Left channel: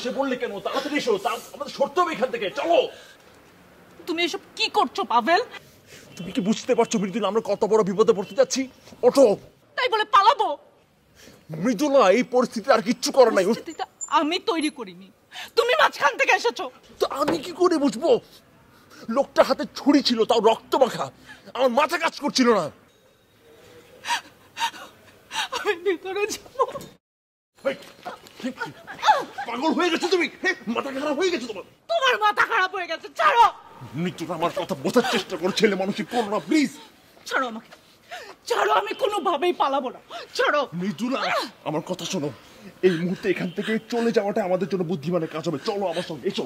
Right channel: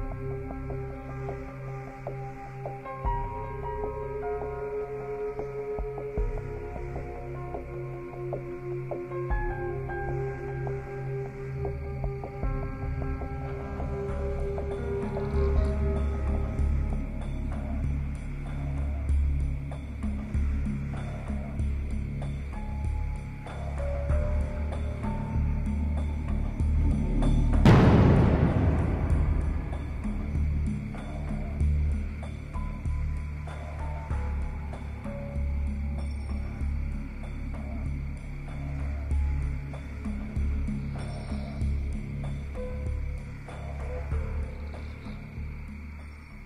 বসে পড়লে কেন? তাড়াতাড়ি এসো, আমাদের সরতে হবে এখান থেকে। চলো। তুমি এসব কি করছো পাভেল? তুমি কি বুঝতে পারছো মৃদুলা, আমরা কত বড় বিপদে পড়তে যাচ্ছি? ওঠো। তাই বলে পালাবো? মৃদুলা, এই পরিস্থিতি আর কিচ্ছু করে নাই। আমি তৈরি করি, তুমি মাঝখান থেকে এসেছো। তো আমি কি করে বুঝবো? লোকটা হাতে ছুরি ছিল, তাও রক্ত মাখা। আমার মাথা কাজ করছিল না। আমি ভিতরে যাবো। পাগল হয়ে গেছো তুমি? মাথা খারাপ হয়ে গেছে তোমার? তোমার মাথা খারাপ হয়ে গেছে, ছাড়ো। মৃত্যুটা আমার কথা বোঝার চেষ্টা করো, ছেলে মানুষই করো না, প্লিজ। ছাড়ো আমাকে, ছাড়ো, আমি কোনোভাবেই পালাবো না, ছাড়ো। মৃত্যুরা, আমার কথা শোনো। এই মুহূর্তে এখান থেকে চলে যাওয়াটা আমাদের জন্য বুদ্ধিমানের কাজ হবে। চলো আমার সঙ্গে, এসো।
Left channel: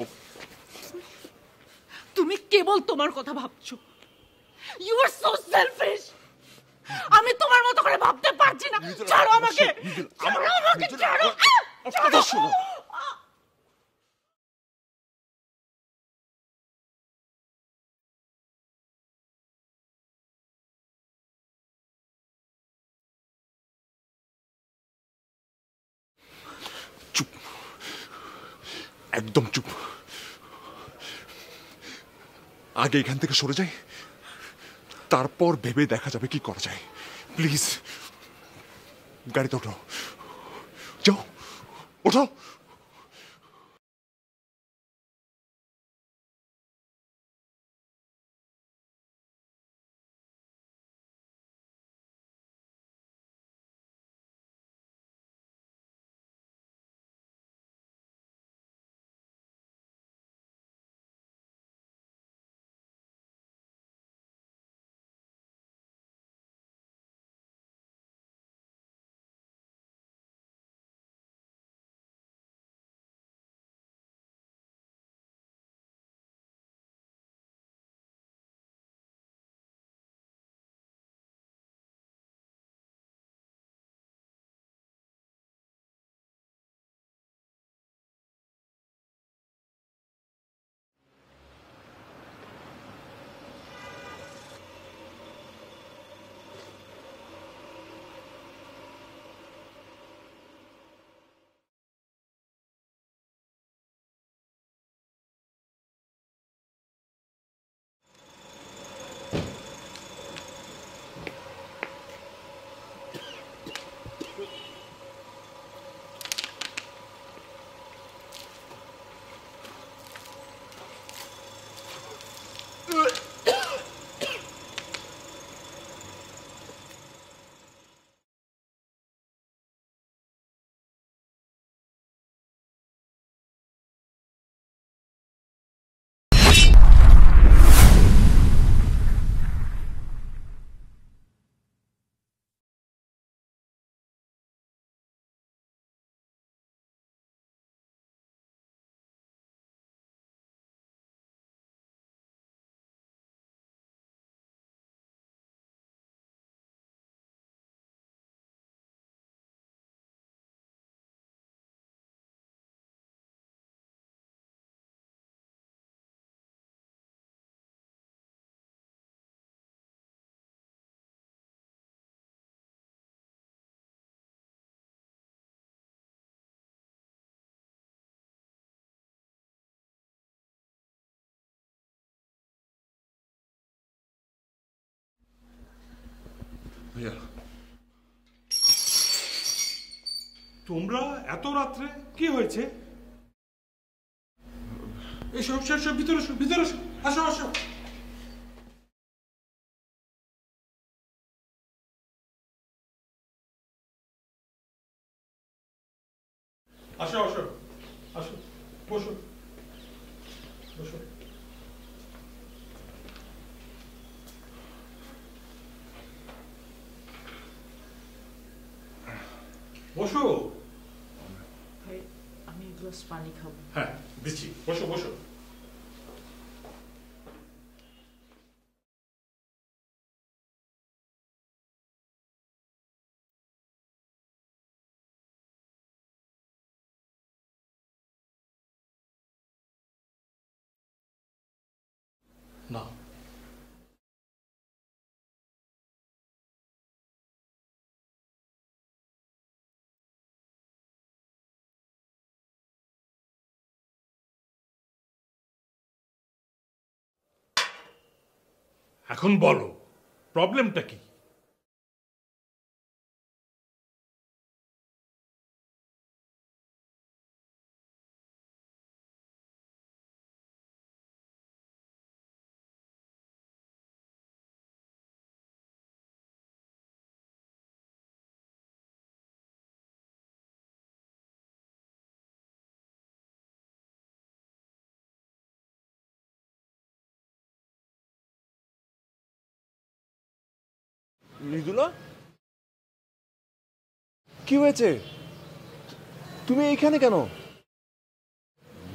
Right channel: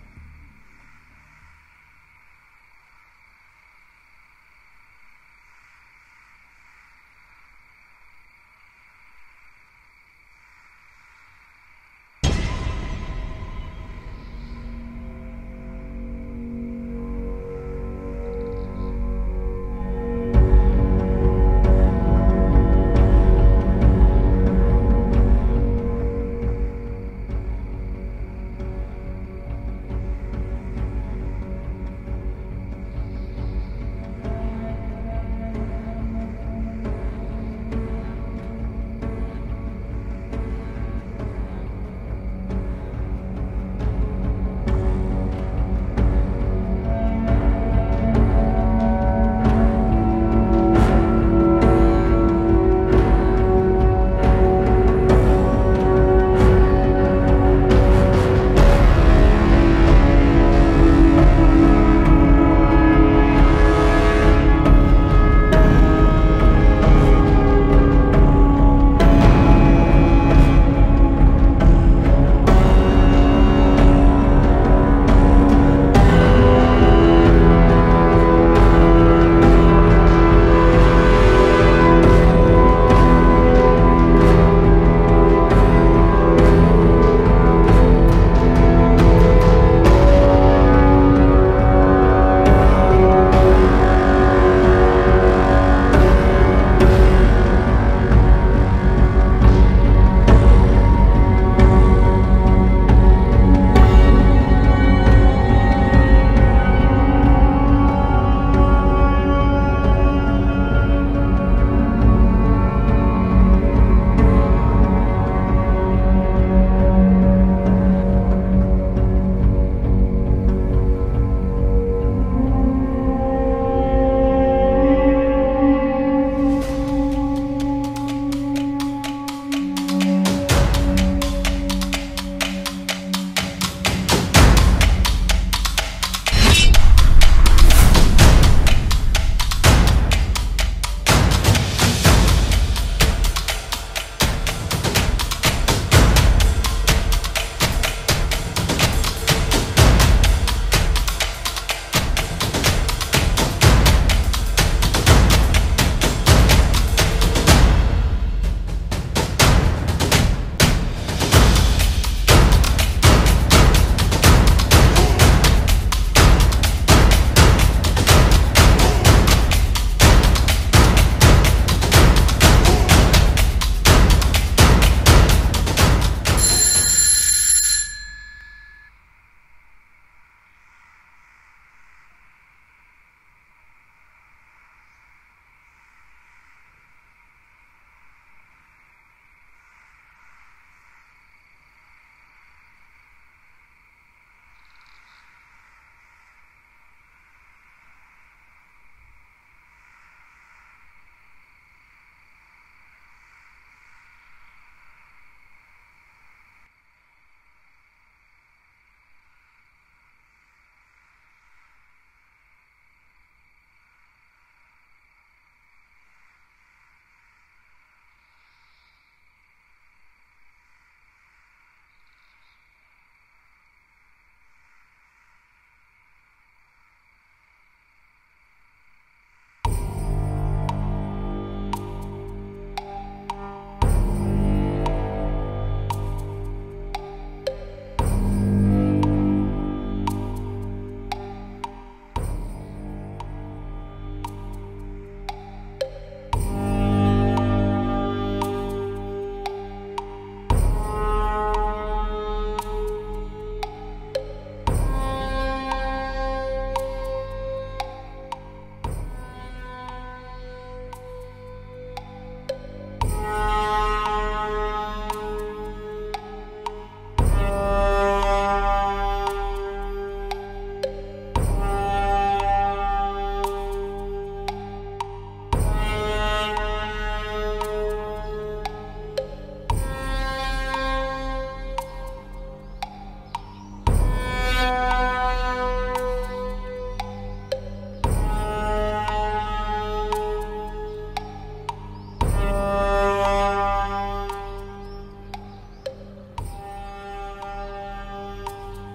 তুমি কেবল তোমার কথা ভাবছো। You are so selfish. আমি তোমার মতো করে ভাবতে পারছি না। ছাড়ো আমাকে, ছাড়ো আমাকে, ছাড়ো। চুপ, একদম চুপ। আগে এখান থেকে সরে যাই, তারপর ভেবে দেখা যাবে কি করা যায়। প্লিজ গাড়িতে ওঠো, যাও, ওঠো। তোমরা এত রাত্রে কি হয়েছে? এসো, ভিতরে এসো, ভিতরে এসো, আসো আসো। আসো আসো আসো, বসো বসো। বসো। আমি এক গ্লাস পানি খাবো। হ্যাঁ দিচ্ছি, বসো বসো। এখন বলো প্রবলেমটা কি? মৃদুলা, কি হয়েছে? তুমি এইখানে কেন?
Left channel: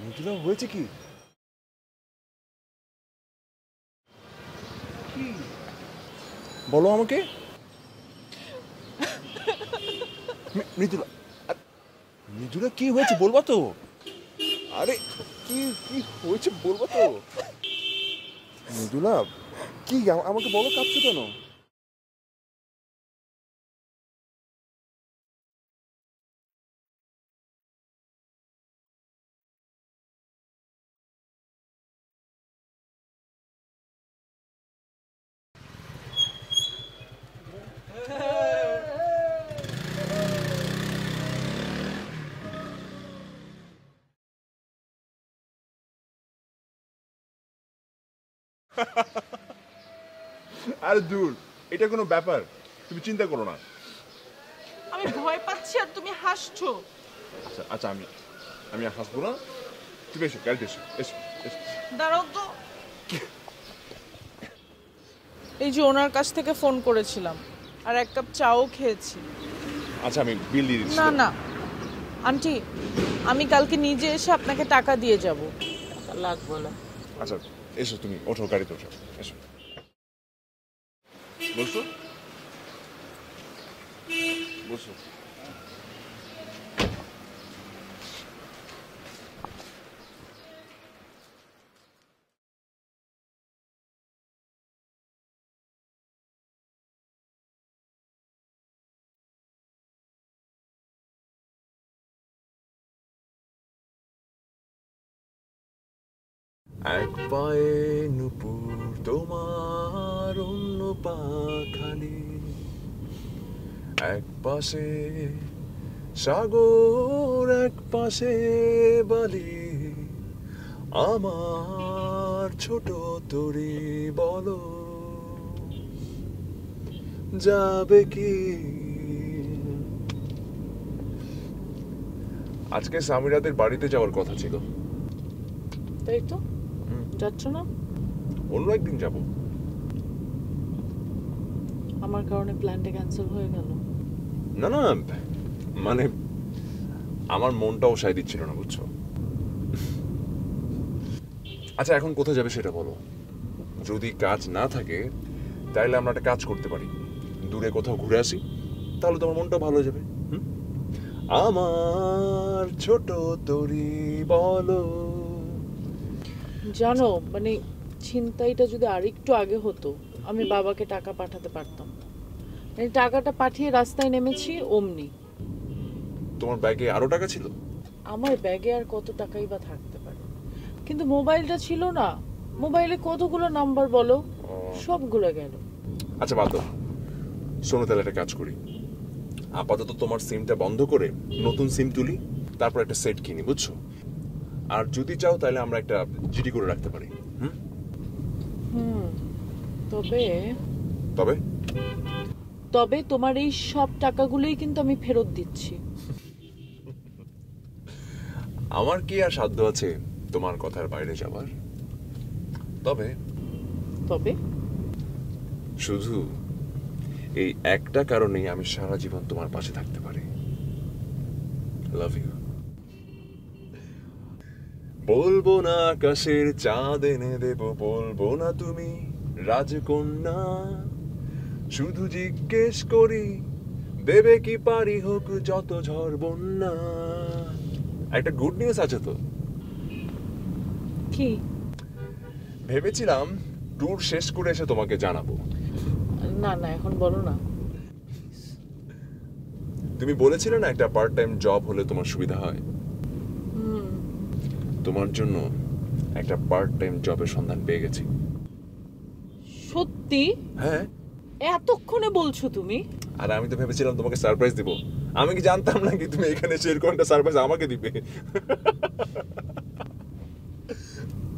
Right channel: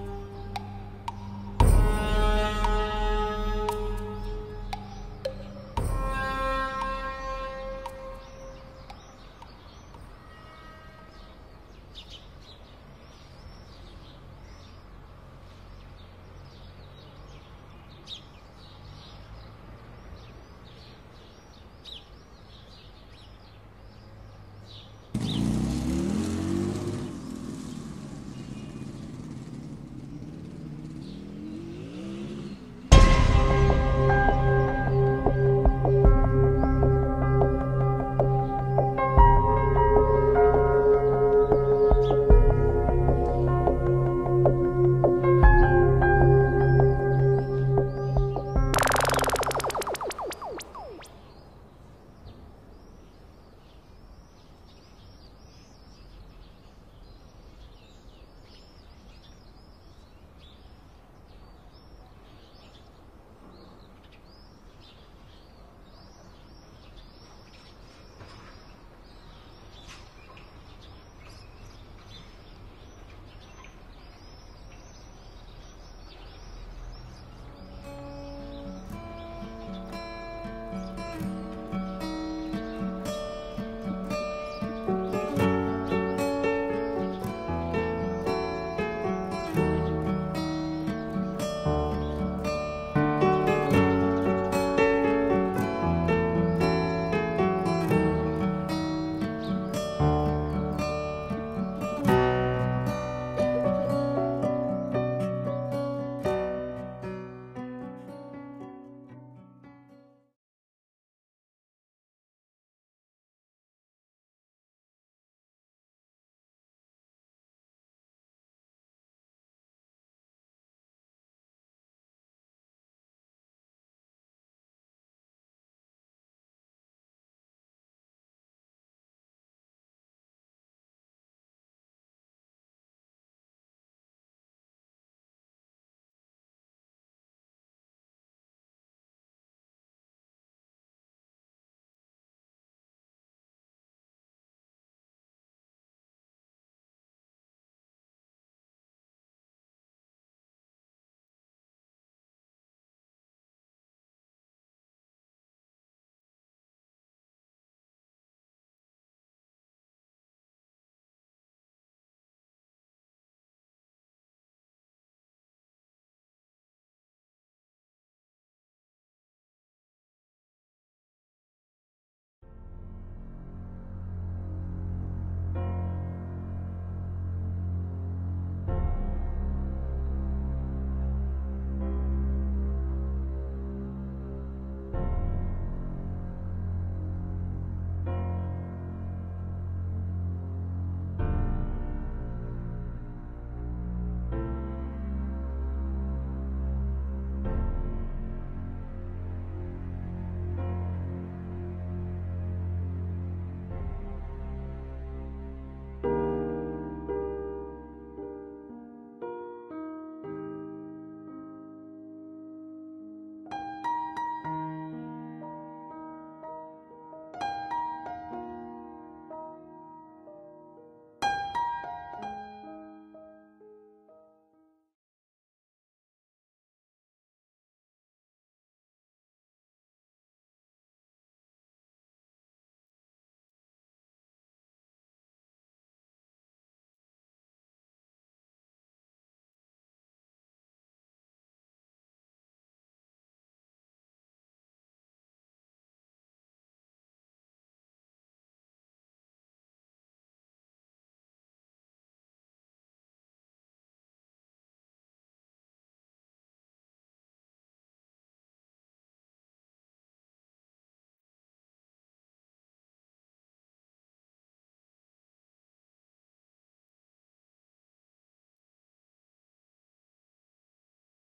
মৃদুলা, হয়েছে কি? বলো আমাকে। মৃদুলা, মৃদুলা কি হয়েছে বলবা তো? আরে কি কি হয়েছে বলবা তো? মৃদুলা কি, আমাকে বলো, কাঁদছো কেন? আরে দূর, এটা কোনো ব্যাপার, তুমি চিন্তা করো না। আমি ভয় পাচ্ছি আর তুমি হাসছো। আচ্ছা আচ্ছা, আমি আর হাসবো না। তুমি এসো, গাড়িতে এসো, এসো এসো। দাঁড়াও তো। এই যে ওনার কাছ থেকে ফোন করেছিলাম আর এক কাপ চাও খেয়েছি। আচ্ছা, আমি বিল দিয়ে দিচ্ছি। না না আন্টি, আমি কালকে নিজে এসে আপনাকে টাকা দিয়ে যাব। লাগবে না। আচ্ছা এসো, তুমি ওঠো, গাড়িতে ওঠো, এসো বসো বসো। এক পায়ে নুপুর তোমার, অন্য পা খালি, এক পাশে সাগর এক পাশে বালি, আমার ছোট তরি বলো যাবে কি? আজকে সামিরাদের বাড়িতে যাওয়ার কথা ছিল। তাই তো, যাচ্ছ না? অন্য একদিন যাব। আমার কারণে প্ল্যানটা ক্যান্সেল হয়ে গেল। না না, মানে আমার মনটাও সায় দিচ্ছিল না, বুঝছো? আচ্ছা, এখন কোথায় যাবে সেটা বলো। যদি কাজ না থাকে তাহলে আমরা একটা কাজ করতে পারি, দূরে কোথাও ঘুরে আসি, তাহলে তোমার মনটাও ভালো হয়ে যাবে। আমার ছোট তরি বলো। জানো, মানে ছিনতাইটা যদি আরেকটু আগে হতো, আমি বাবাকে টাকা পাঠাতে পারতাম। মানে টাকাটা পাঠিয়ে রাস্তায় নেমেছি অমনি। তোমার ব্যাগে আরো টাকা ছিল? আমার ব্যাগে আর কত টাকাই বা থাকতে পারে, কিন্তু মোবাইলটা ছিল না। মোবাইলে কতগুলো নাম্বার বলো, সবগুলো গেল। আচ্ছা বাদ দাও, শোনো তাহলে একটা কাজ করি। আপাতত তোমার সিমটা বন্ধ করে নতুন সিম তুলি, তারপর একটা সেট কিনি, বুঝছো? আর যদি চাও তাহলে আমরা একটা জিডি করে রাখতে পারি। তবে তবে তবে তোমার এই সব টাকাগুলোই কিন্তু আমি ফেরত দিচ্ছি। আমার কি আর সাধ্য আছে তোমার কথার বাইরে যাবার? তবে তবে শুধু এই একটা কারণেই আমি সারা জীবন তোমার পাশে থাকতে পারি। Love you. বলবো না আকাশের চাঁদ এনে দেব, বলবো না তুমি রাজকন্যা, শুধু জিজ্ঞেস করি দেবে কি পারি হোক যত ঝড় বন্যা। একটা গুড নিউজ আছে তো। কি? ভেবেছিলাম ট্যুর শেষ করে এসে তোমাকে জানাবো। না না, এখন বলো না। তুমি বলেছিলে না একটা পার্ট টাইম জব হলে তোমার সুবিধা হয়। তোমার জন্য একটা পার্ট টাইম জবের সন্ধান পেয়ে গেছি। সত্যি? হ্যাঁ। এতক্ষণে বলছো তুমি? আর আমি তো ভেবেছিলাম তোমাকে সারপ্রাইজ দিব। আমি কি জানতাম নাকি তুমি এখানে এসে এরকম একটা সারপ্রাইজ আমাকে দিবে।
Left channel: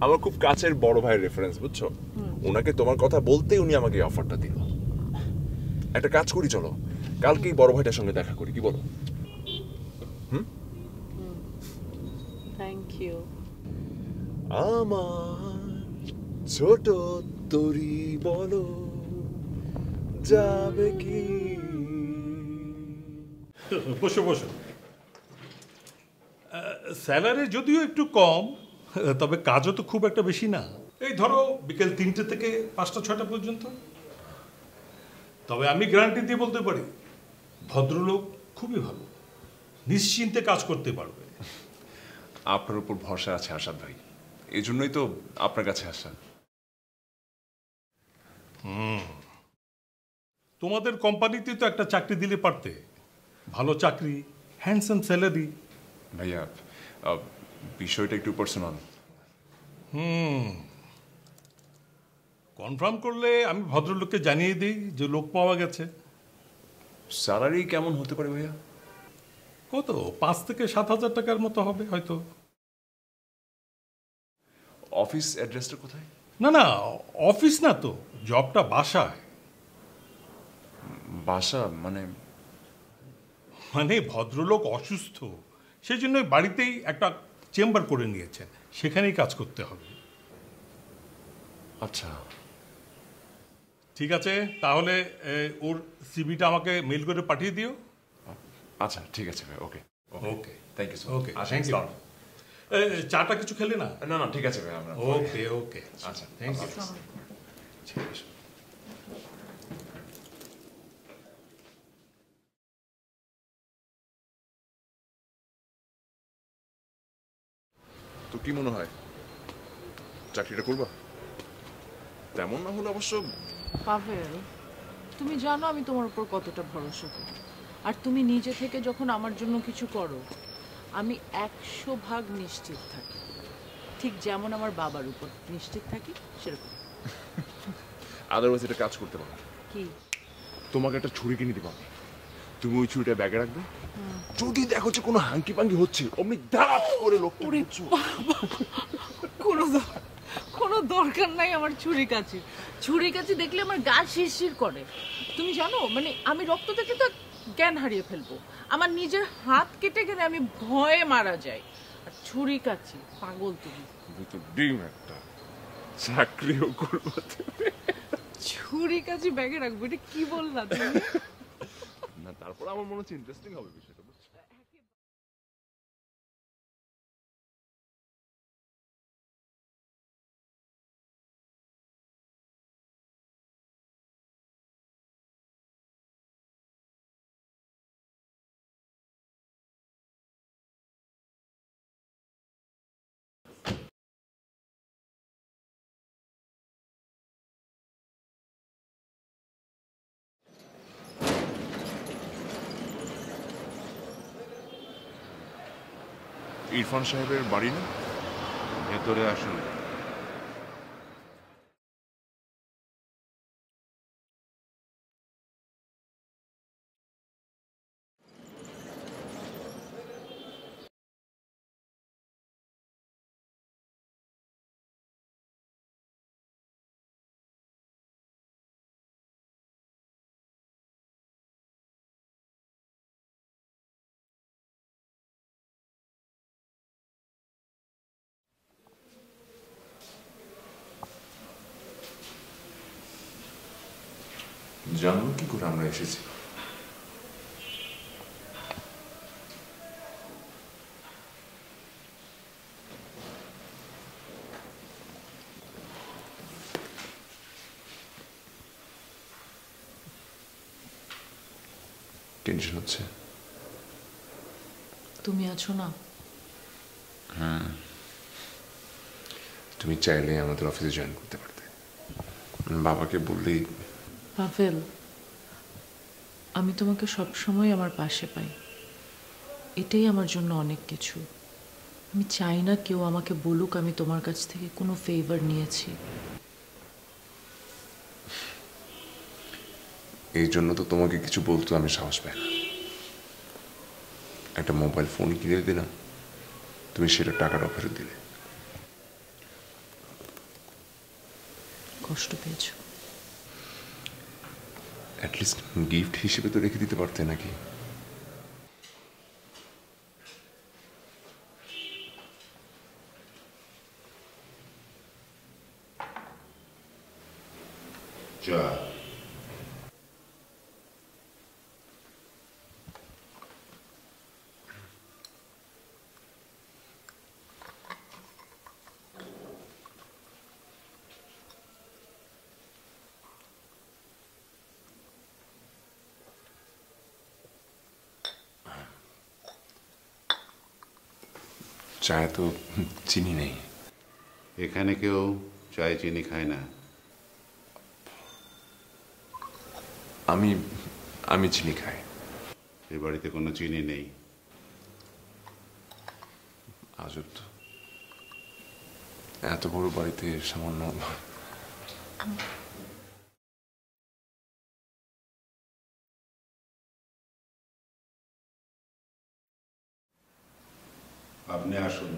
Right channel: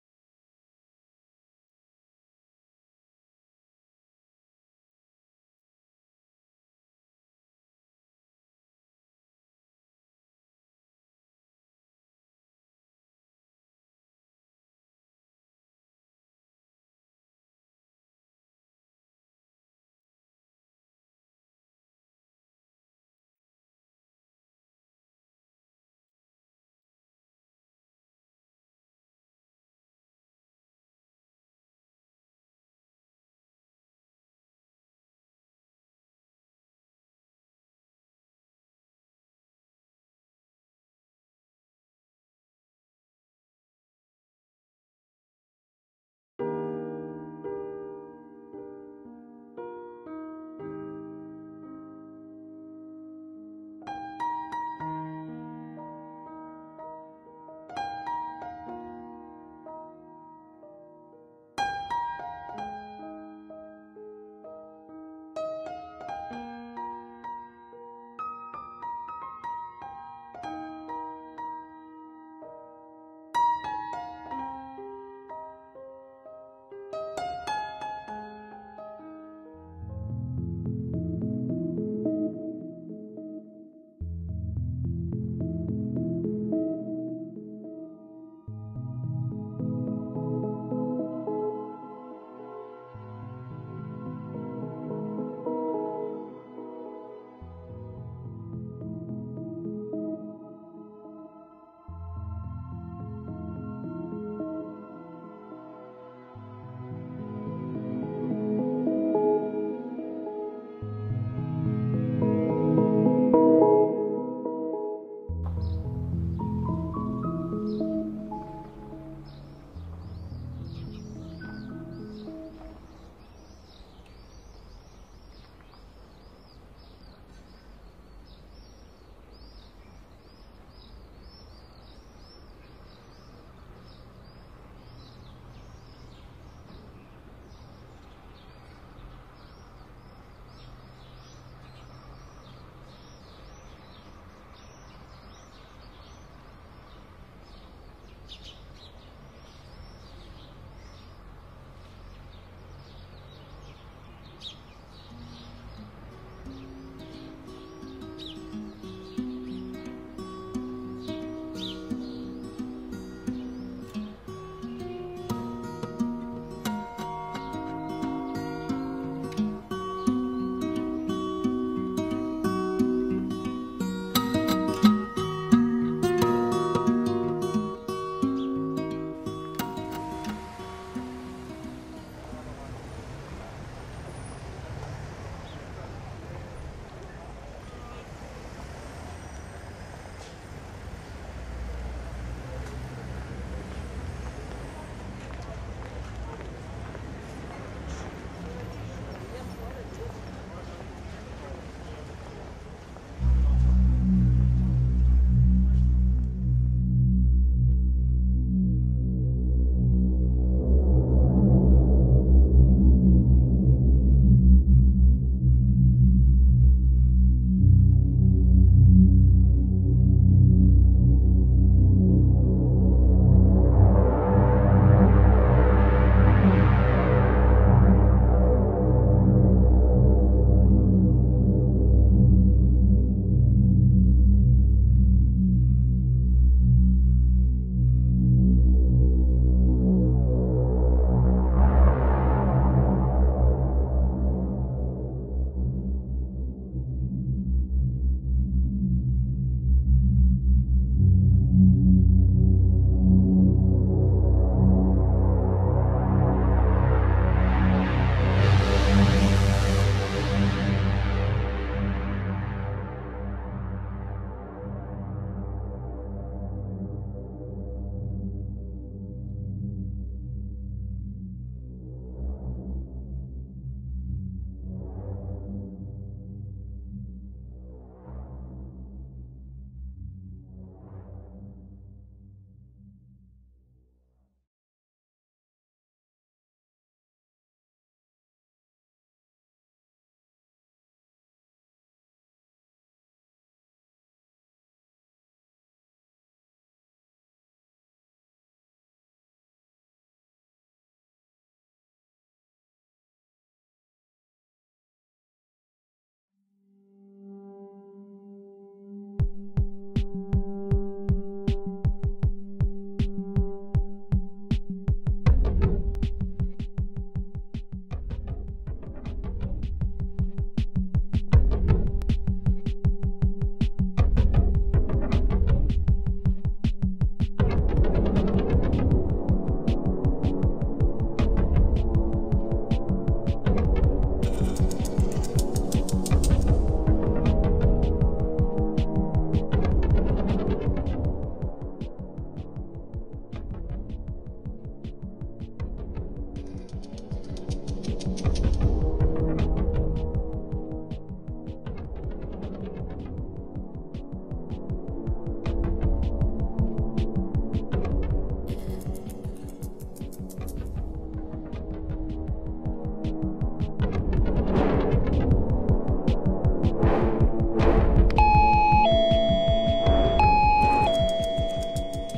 আমার খুব কাছের বড় ভাইয়ের রেফারেন্স, বুঝছো? ওনাকে তোমার কথা বলতেই উনি আমাকে এই অফারটা দিল। একটা কাজ করি, চলো কালকেই বড় ভাইটার সঙ্গে দেখা করি, কি বলো? Thank you. আমার ছোট তরি বলো যাবে কি? বসো বসো। স্যালারি যদিও একটু কম, তবে কাজও তো খুব একটা বেশি না। এই ধরো বিকেল 3টে থেকে 5টা-6টা পর্যন্ত। তবে আমি গ্যারান্টি দিয়ে বলতে পারি ভদ্রলোক খুবই ভালো, নিশ্চিন্তে কাজ করতে পারবে। আপনার উপর ভরসা আছে আসাদ ভাই, এই জন্যই তো আপনার কাছে আসা। তোমাদের কোম্পানিতে তো একটা চাকরি দিলে পারতে, ভালো চাকরি, হ্যান্ডসাম স্যালারি। ভাইয়া বিষয়টা একটু পার্সোনাল। কনফার্ম করলে আমি ভদ্রলোককে জানিয়ে দিই যে লোক পাওয়া গেছে। স্যালারি কেমন হতে পারে ভাইয়া? কত 5 থেকে 7,000 টাকার মতো হবে হয়তো। অফিস অ্যাড্রেসটা কোথায়? না না, অফিস না তো, জবটা বাসায়। বাসা মানে? মানে ভদ্রলোক অসুস্থ, সেই জন্য বাড়িতেই একটা চেম্বার করে নিয়েছেন, সেখানেই কাজ করতে হবে। আচ্ছা ঠিক আছে, তাহলে ওর সিভিটা আমাকে মেল করে পাঠিয়ে দিও। আচ্ছা ঠিক আছে ভাই, okay okay, thank you so okay, much. Thank you. চাটা কিছু খেলে না? না না ঠিক আছে ভাই, আমরা ওকে ওকে, আচ্ছা থ্যাংক ইউ। ঠিক আছে। তো কি মনে হয় চাকরিটা করবা? তেমন না হলে অবশ্য। পাভেল, তুমি জানো আমি তোমার উপর কতটা ভরসা করি, আর তুমি নিজে থেকে যখন আমার জন্য কিছু করো আমি 100% নিশ্চিত থাকি, ঠিক যেমন আমার বাবার উপর নিশ্চিত থাকি সেরকম। আদারওয়াইজ এটা কাজ করতে পারো। কি? তোমাকে একটা ছুরি কিনে দিবা, তুমি ওই ছুরিটা ব্যাগে রাখবে, যদি দেখো যে কোনো হাঙ্কি পাঙ্কি হচ্ছে অমনি ধাপ করে লোক। কোনো দরকার নাই আমার ছুরি কাছে দেখলে আমার গা শিরশির করে। তুমি জানো মানে আমি রক্ত থেকে তো জ্ঞান হারিয়ে ফেলবো, আমার নিজের হাত কেটে গেলে আমি ভয়ে মারা যাই। আর ছুরি কাছে পাগল ডিম একটা চাকরিও করবো তুমি। ছুরি কাছে ব্যাগে রাখবো, এটা কি বললাম? ইরফান সাহেবের বাড়ি না, ভেতরে আসুন। জানবো কি করে আমরা এসেছি? টেনশন হচ্ছে? তুমি আছো না? তুমি চাইলে আমাদের অফিসে জয়েন করতে পারতে, বাবাকে বললেই। পাভেল, আমি তোমাকে সবসময় আমার পাশে পাই, এটাই আমার জন্য অনেক কিছু। আমি চাই না কেউ আমাকে বলুক আমি তোমার কাছ থেকে কোনো ফেভার নিয়েছি। এই জন্য তো তোমাকে কিছু বলতে আমি সাহস পাই না। একটা মোবাইল ফোন কিনে দিলাম, তুমি সেটা টাকাটা ফেরত দিলে। কষ্ট পেয়েছো? অ্যাটলিস্ট গিফট হিসেবে তো রেখে দিতে পারতে নাকি? চায়ে তো চিনি নেই। এখানে কেউ চায় চিনি খায় না। আমি আমি চিনি খাই। এই বাড়িতে কোনো চিনি নেই। আজব তো, এত বড় বাড়িতে সামান্য আপনি আসুন,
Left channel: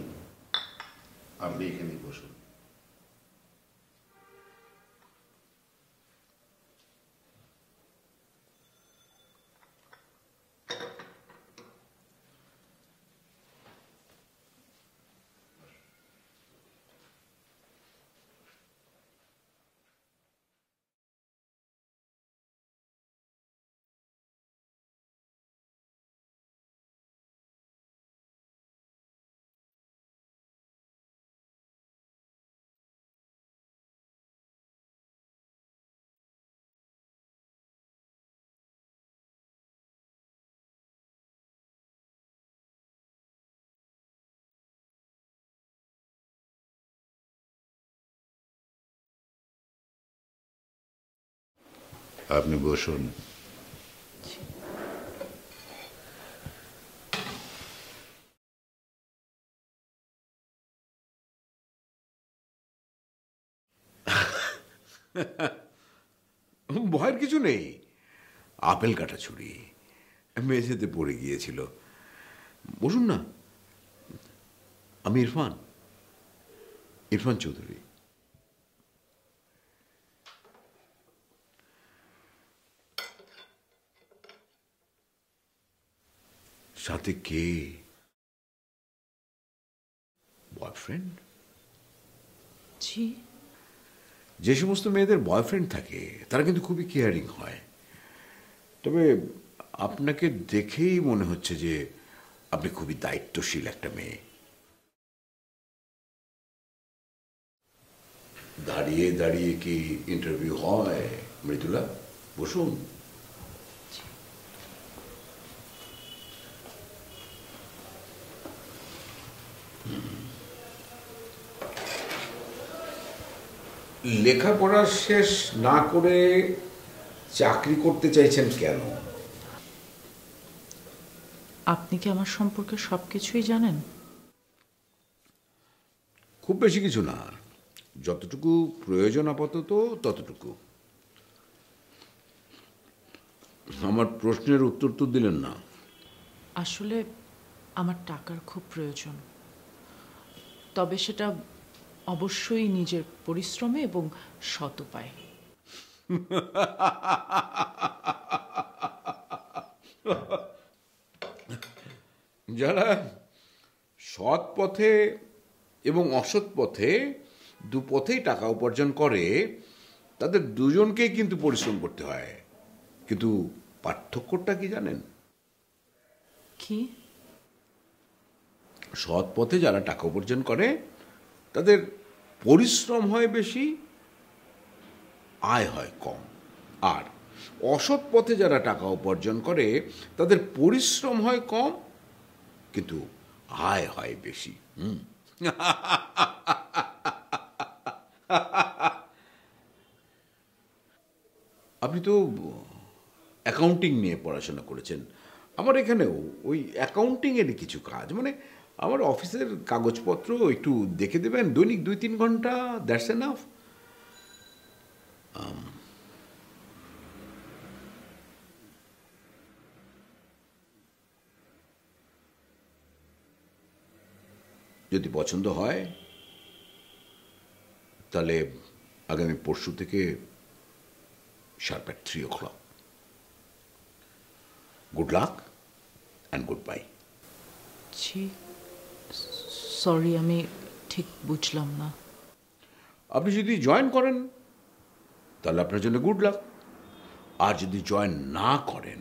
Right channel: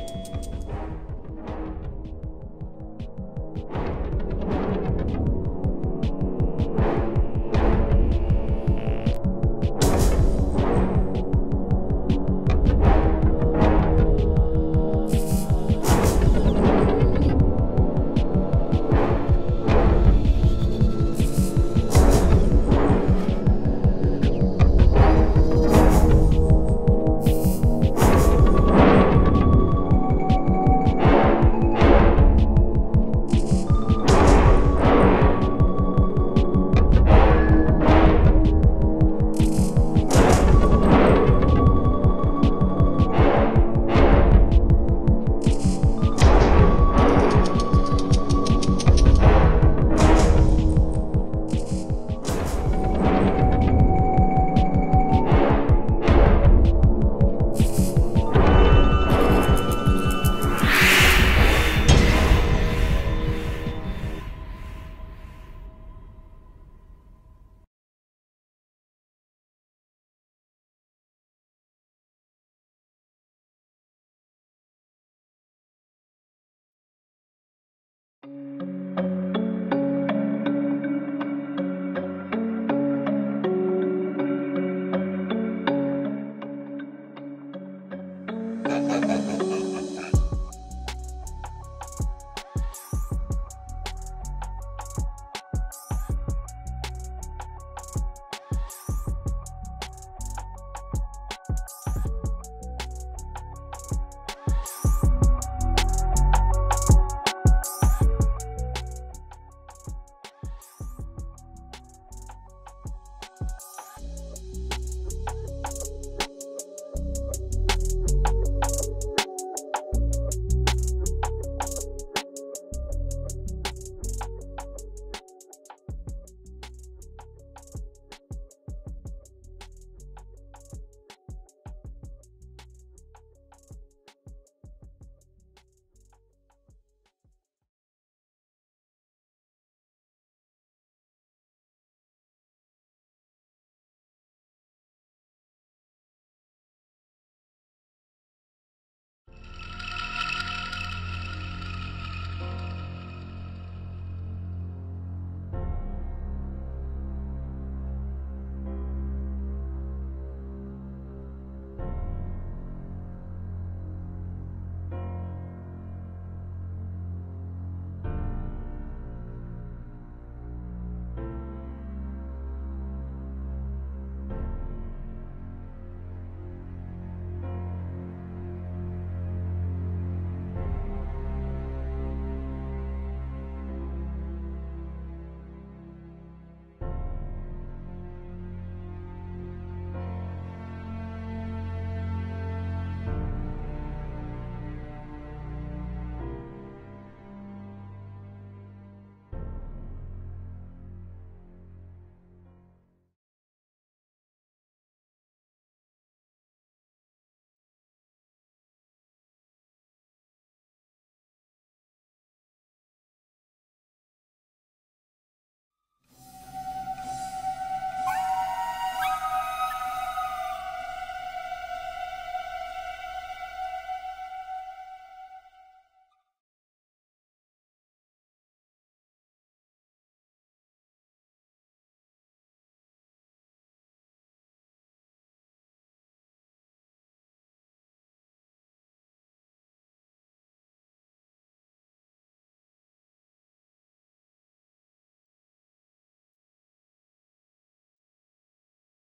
আপনি এখানে বসুন। আপনি বসুন। ভয়ের কিছু নেই। আপেল কাটা ছুরি মেঝেতে পড়ে গিয়েছিল। বসুন না। আমি ইরফান, ইরফান চৌধুরী। সাথে কে? বয়ফ্রেন্ড? জি। যে সমস্ত মেয়েদের বয়ফ্রেন্ড থাকে তারা কিন্তু খুবই কেয়ারিং হয়। তবে আপনাকে দেখেই মনে হচ্ছে যে আপনি খুবই দায়িত্বশীল একটা মেয়ে। দাঁড়িয়ে দাঁড়িয়ে কি ইন্টারভিউ হয় মৃদুলা? বসুন। লেখাপড়া শেষ না করে চাকরি করতে চাইছেন কেন? আপনি কি আমার সম্পর্কে সবকিছুই জানেন? খুব বেশি কিছু না, যতটুকু প্রয়োজন আপাতত ততটুকু। আমার প্রশ্নের উত্তর তো দিলেন না। আসলে আমার টাকার খুব প্রয়োজন, তবে সেটা অবশ্যই নিজের পরিশ্রমে এবং সৎ উপায়ে। যারা সৎ পথে এবং অসৎ পথে দুপথেই টাকা উপার্জন করে তাদের দুজনকেই কিন্তু পরিশ্রম করতে হয়। কিন্তু পার্থক্যটা কি জানেন? কি? সৎ পথে যারা টাকা উপার্জন করে তাদের পরিশ্রম হয় বেশি, আয় হয় কম। আর অসৎ পথে যারা টাকা উপার্জন করে তাদের পরিশ্রম হয় কম কিন্তু আয় হয় বেশি। আপনি তো অ্যাকাউন্টিং নিয়ে পড়াশোনা করেছেন। আমার এখানেও ওই অ্যাকাউন্টিং এরই কিছু কাজ, মানে আমার অফিসের কাগজপত্র একটু দেখে দেবেন, দৈনিক 2-3 ঘন্টা, দ্যাটস এনাফ। যদি পছন্দ হয় তাহলে আগামী পরশু থেকে sharp at 3 o'clock. Good luck and goodbye. G sorry, আমি ঠিক বুঝলাম না। আপনি যদি জয়েন করেন তাহলে আপনার জন্য গুড লাক, আর যদি জয়েন না করেন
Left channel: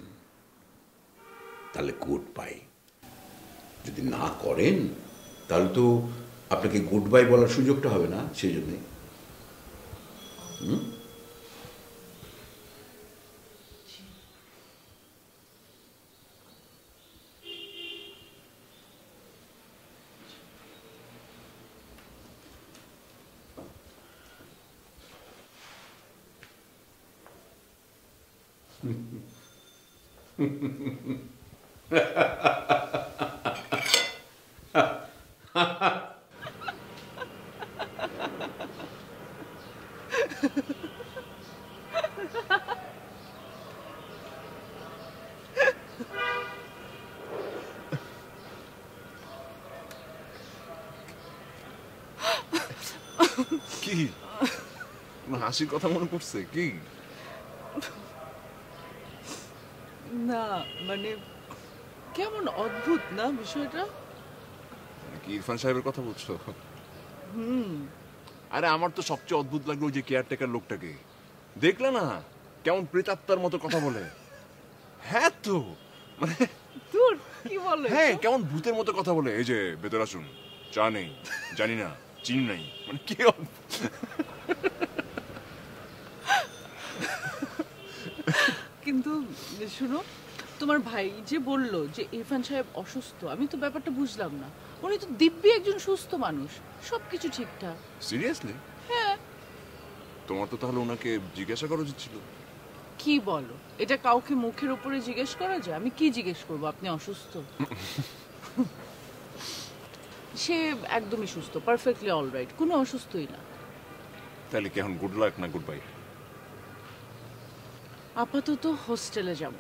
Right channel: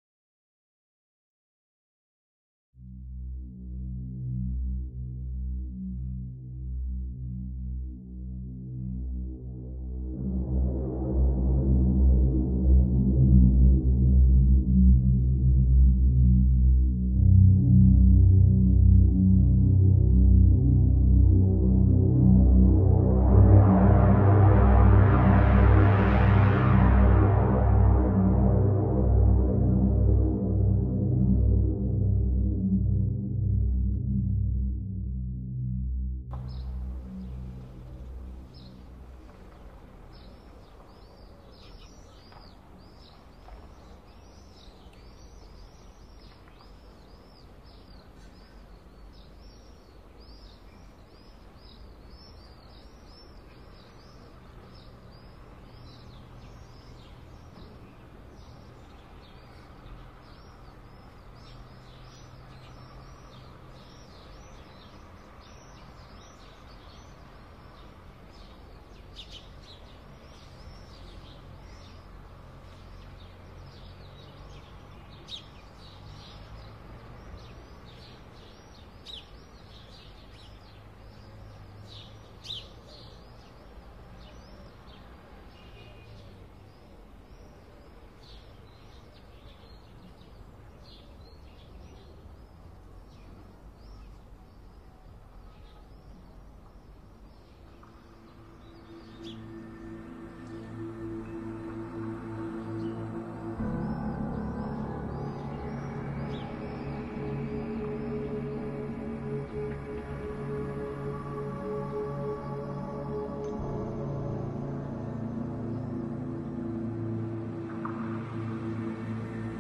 তাহলে গুড বাই। যদি না করেন তাহলে তো আপনাকে গুড বাই বলার সুযোগটা হবে না, সেই জন্যে। কি হাসির কথা মনে পড়ছে কি? না মানে কেমন অদ্ভুত না বিষয়টা। কি ইরফান সাহেবের কথা বলছো? আরে আমার তো সবচেয়ে অদ্ভুত লাগলো ওই যে কেয়ারটেকার লোকটাকে। দেখলে না কেমন প্রেতাত্মার মতো কথা বলে? হ্যাঁ তো মানে দূর কি বলে? হ্যাঁ কেমন ভূতের মতো কথা বলে। এই যে ভেতর আসুন, চা নেই, জানি না, চিনি নাই, মানে কি কিন্তু শুনো, তোমার ভাই যে বললো যে ইরফান সাহেব অসুস্থ, আমি তো ব্যাপারটা বুঝলাম না। উনি তো দিব্যি একজন সুস্থ মানুষ, সবকিছু ঠিকঠাক। সিরিয়াসলি? হ্যাঁ। তোমার তো তাহলে ওনাকে জিজ্ঞাসা করা উচিত ছিল। কি বলো, এটা কাউকে মুখের উপরে জিজ্ঞেস করা যায়? আমি কি জিজ্ঞেস করবো আপনি অসুস্থ? সে একদমই সুস্থ, পারফেক্টলি অলরাইট, কোনো অসুস্থই না। তাহলে কি এখন গুড লাক না গুড বাই? আপাতত হোস্টেলে যাব।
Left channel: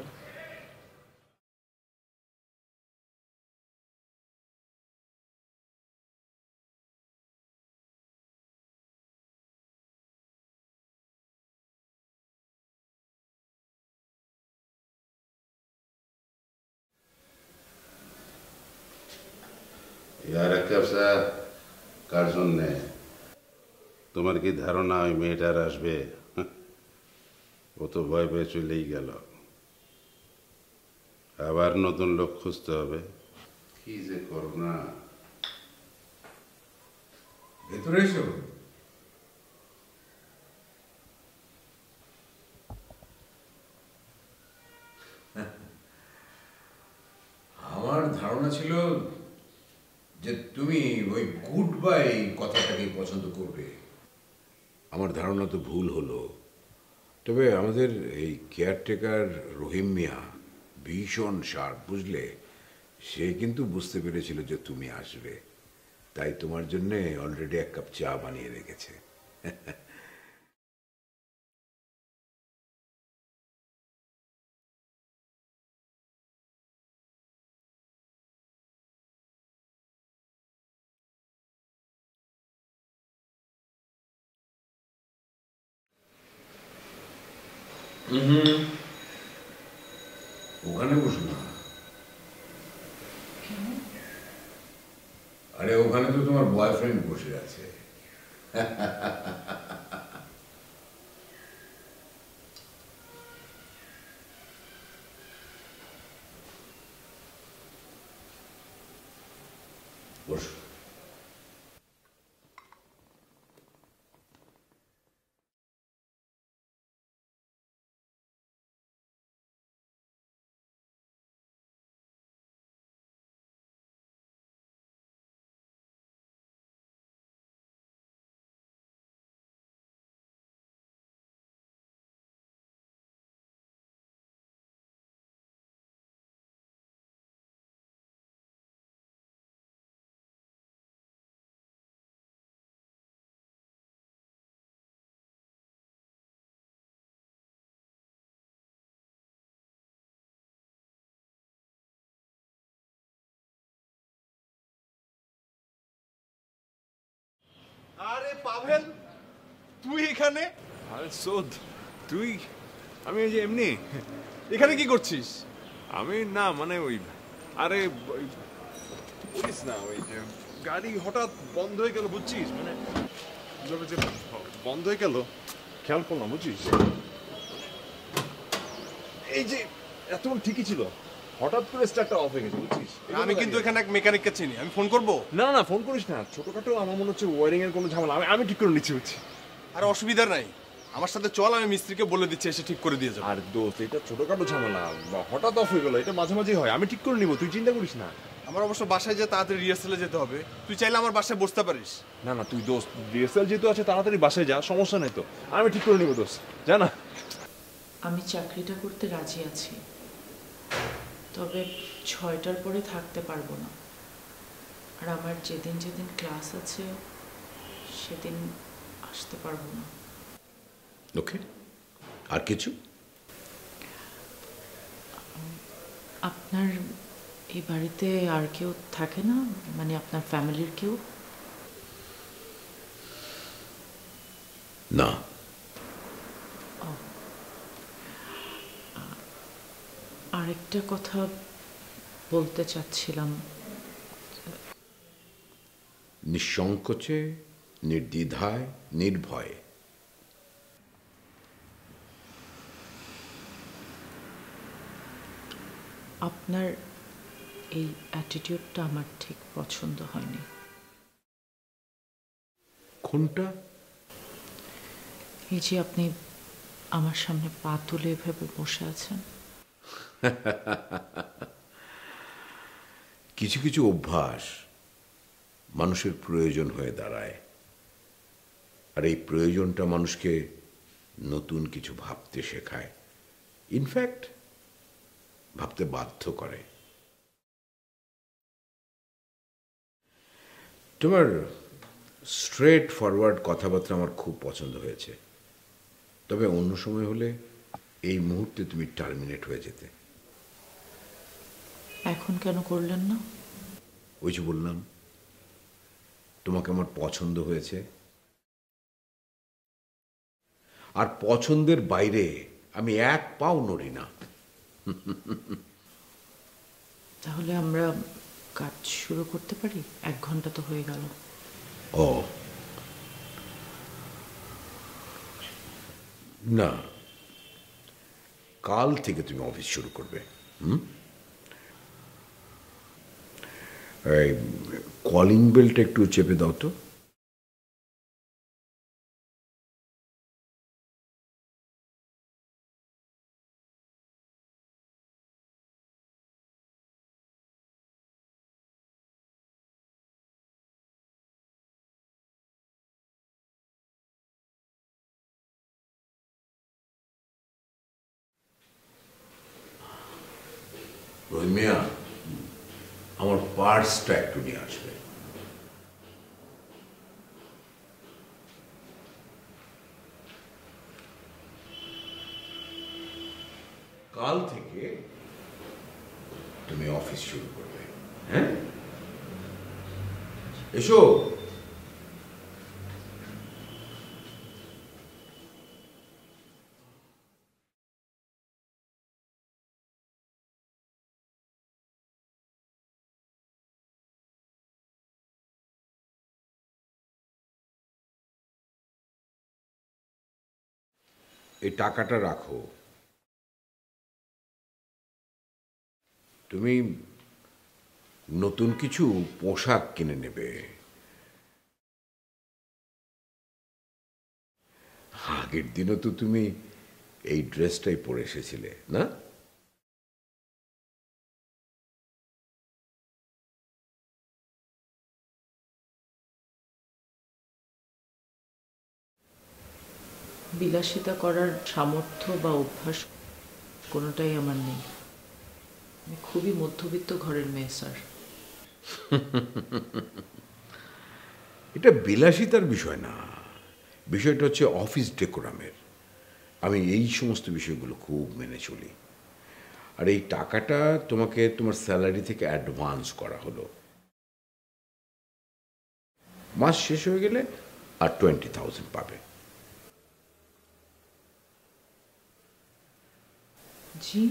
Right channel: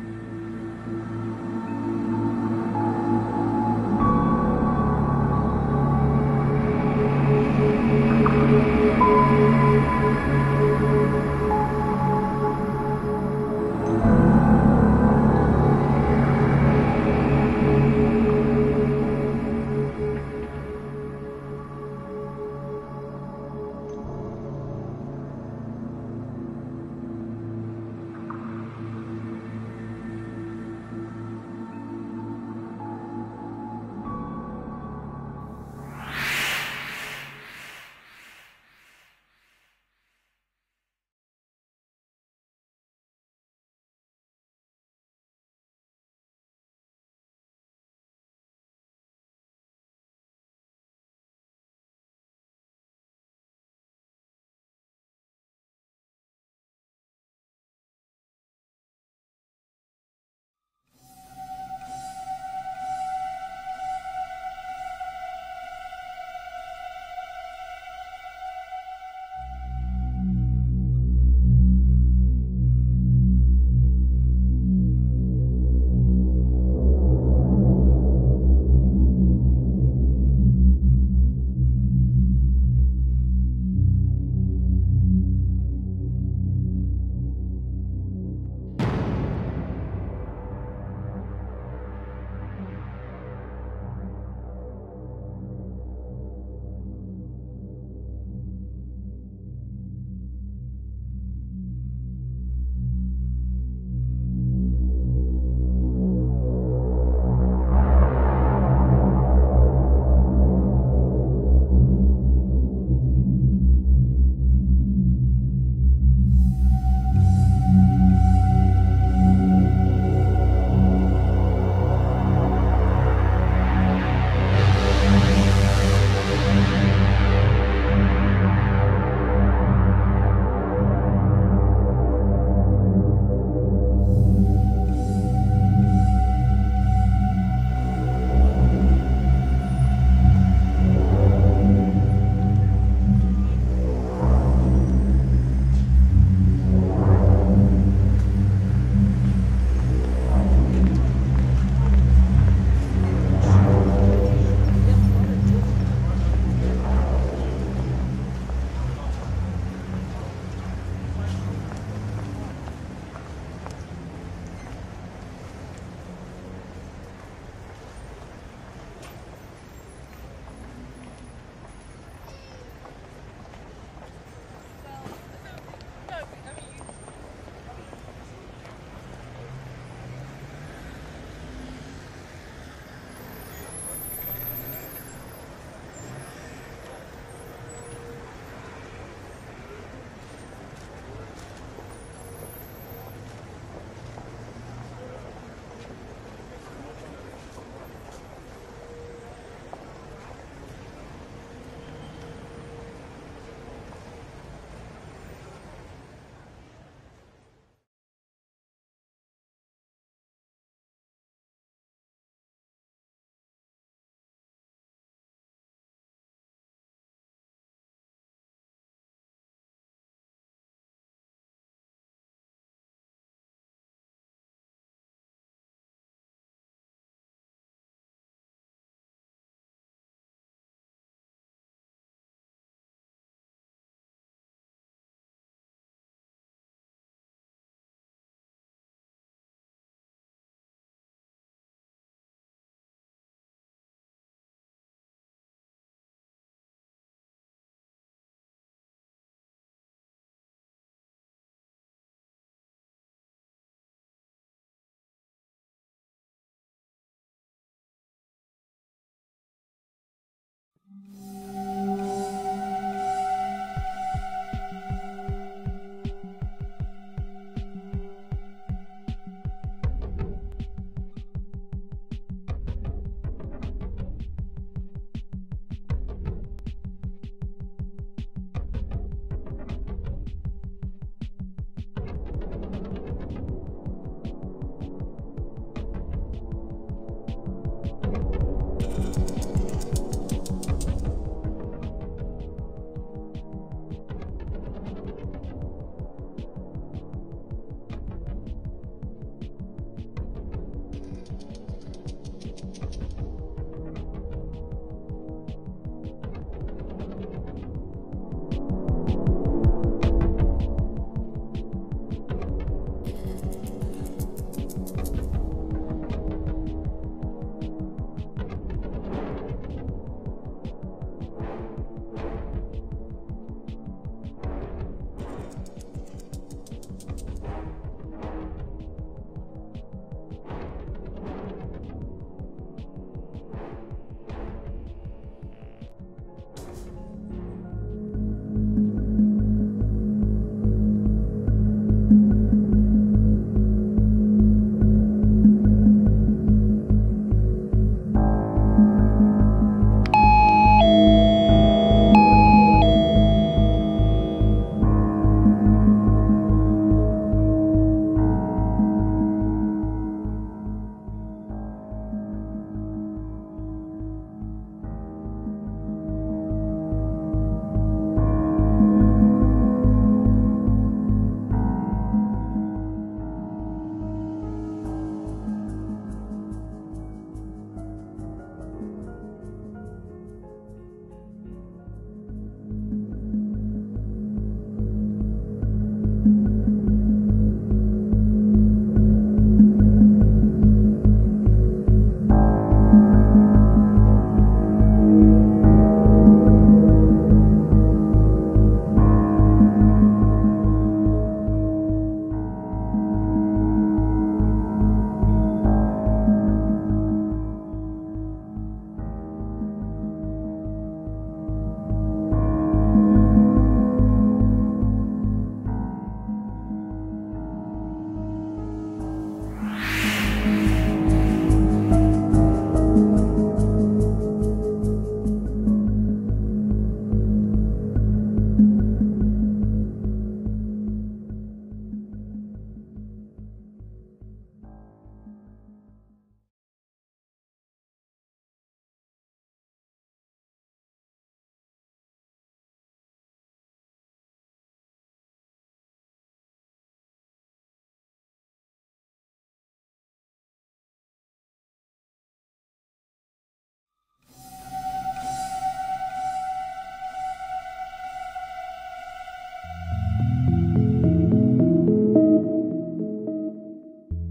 কার জন্যে? তোমার কি ধারণা ওই মেয়েটার আসবে? ও তো ভয় পেয়ে চলেই গেল, আবার নতুন লোক খুঁজতে হবে। কি যে করব না। ভেতরে এসো। আমার ধারণা ছিল যে তুমি ওই গুড বাই কথাটাকে পছন্দ করবে। আমার ধারণা তো ভুল হলো। তবে আমাদের এই কেয়ারটেকার রহিম মিয়া ভীষণ শার্প, বুঝলে? সে কিন্তু বুঝতে পেরেছিল যে তুমি আসবে, তাই তোমার জন্য অলরেডি 1 কাপ চা বানিয়ে রেখেছে। ওখানে বসে না। আরে ওখানে তো তোমার বয়ফ্রেন্ড বসে আছে। এখানে কি করছিস? আমি না মানে ওই আরে বুঝিস না ওই গাড়ি হঠাৎ বন্ধ হয়ে গেল বুঝছিস মানে যে বন্ধ হয়ে গেল খেয়াল করলাম বুঝছিস এই যে এতক্ষণ ঠিকই ছিল হঠাৎ করে স্টার্টটা অফ হয়ে গেছে বুঝছিস আমি কিন্তু এখানে এক মেকানিককে চিনি আমি ফোন করব না না ফোন করিস না ছোটখাটো আমার মনে হচ্ছে ওয়ারিং এর কোনো ঝামেলা আমি ঠিক করে নিচ্ছি বুঝছি আর অসুবিধা নাই আমার সাথে চল আমি মিস্ত্রিকে বলে দিচ্ছি এসে ঠিক করে দিয়ে যাবো আর দোস্ত এটা ছোটখাটো ঝামেলা হঠাৎ অফ হয়ে গেল এটা মাঝে মাঝেই হয় আমি ঠিক করে নিব তুই চিন্তা করিস না আমার অবশ্য বাসায় যে তাড়াতাড়ি রিহার্সেলে যেতে হবে তুই চাইলে আমার বাসায় বসতে পারিস না না তুই দোস্ত রিহার্সাল যেহেতু আছে তাড়াতাড়ি বাসায় যা সমস্যা নেই তো আমি ঠিক করে নিব দোস্ত জানা আমি চাকরিটা করতে রাজি আছি, তবে 6টার পরে থাকতে পারবো না। আর আমার যেদিন যেদিন ক্লাস আছে সেদিন আসতে পারবো না। ওকে, আর কিছু? আপনার এই বাড়িতে আর কেউ থাকে না, মানে আপনার ফ্যামিলির কেউ? না। আরেকটা কথা বলতে চাচ্ছিলাম। নিঃসংকোচে, নির্দ্বিধায়, নির্ভয়ে। আপনার এই অ্যাটিটিউডটা আমার ঠিক পছন্দ হয়নি। কোনটা? এই যে আপনি আমার সামনে পা তুলে ভেবে বসে আছেন। কিছু কিছু অভ্যাস মানুষের প্রয়োজন হয়ে দাঁড়ায়, আর এই প্রয়োজনটা মানুষকে নতুন কিছু ভাবতে শেখায়, ইনফ্যাক্ট ভাবতে বাধ্য করে। তোমার স্ট্রেট ফরওয়ার্ড কথাবার্তা আমার খুব পছন্দ হয়েছে, তবে অন্য সময় হলে এই মুহূর্তে তুমি টার্মিনেট হয়ে যেতে। এখন কেন করলেন না? ওই যে বললাম তোমাকে আমার পছন্দ হয়েছে, আর পছন্দের বাইরে আমি এক পাও নড়ি না। তাহলে আমরা কাজ শুরু করতে পারি? 1 ঘন্টা তো হয়ে গেল। ও না, কাল থেকে তুমি অফিস শুরু করবে। এই কলিং বেলটা একটু চেপে দাও তো। রহিমিয়া, আমার পার্সটা একটু নিয়ে আসবে। কাল থেকে তুমি অফিস শুরু করবে, হ্যাঁ? এসো। টাকাটা রাখো। তুমি নতুন কিছু পোশাক কিনে নেবে। আগের দিনও তো তুমি এই ড্রেসটাই পরে এসেছিলে না? বিলাসিতা করার সামর্থ্য বা অভ্যাস কোনোটাই আমার নেই। আমি খুবই মধ্যবিত্ত ঘরের মেয়ে, স্যার। এটা বিলাসিতার বিষয় না, বিষয়টা হচ্ছে অফিস ডেকোরামের। আমি এই সমস্ত বিষয়গুলো খুব মেনে চলি। আর এই টাকাটা তোমাকে তোমার স্যালারি থেকে অ্যাডভান্স করা হলো। মাস শেষ হয়ে গেলে আর 20,000 পাবে। জি।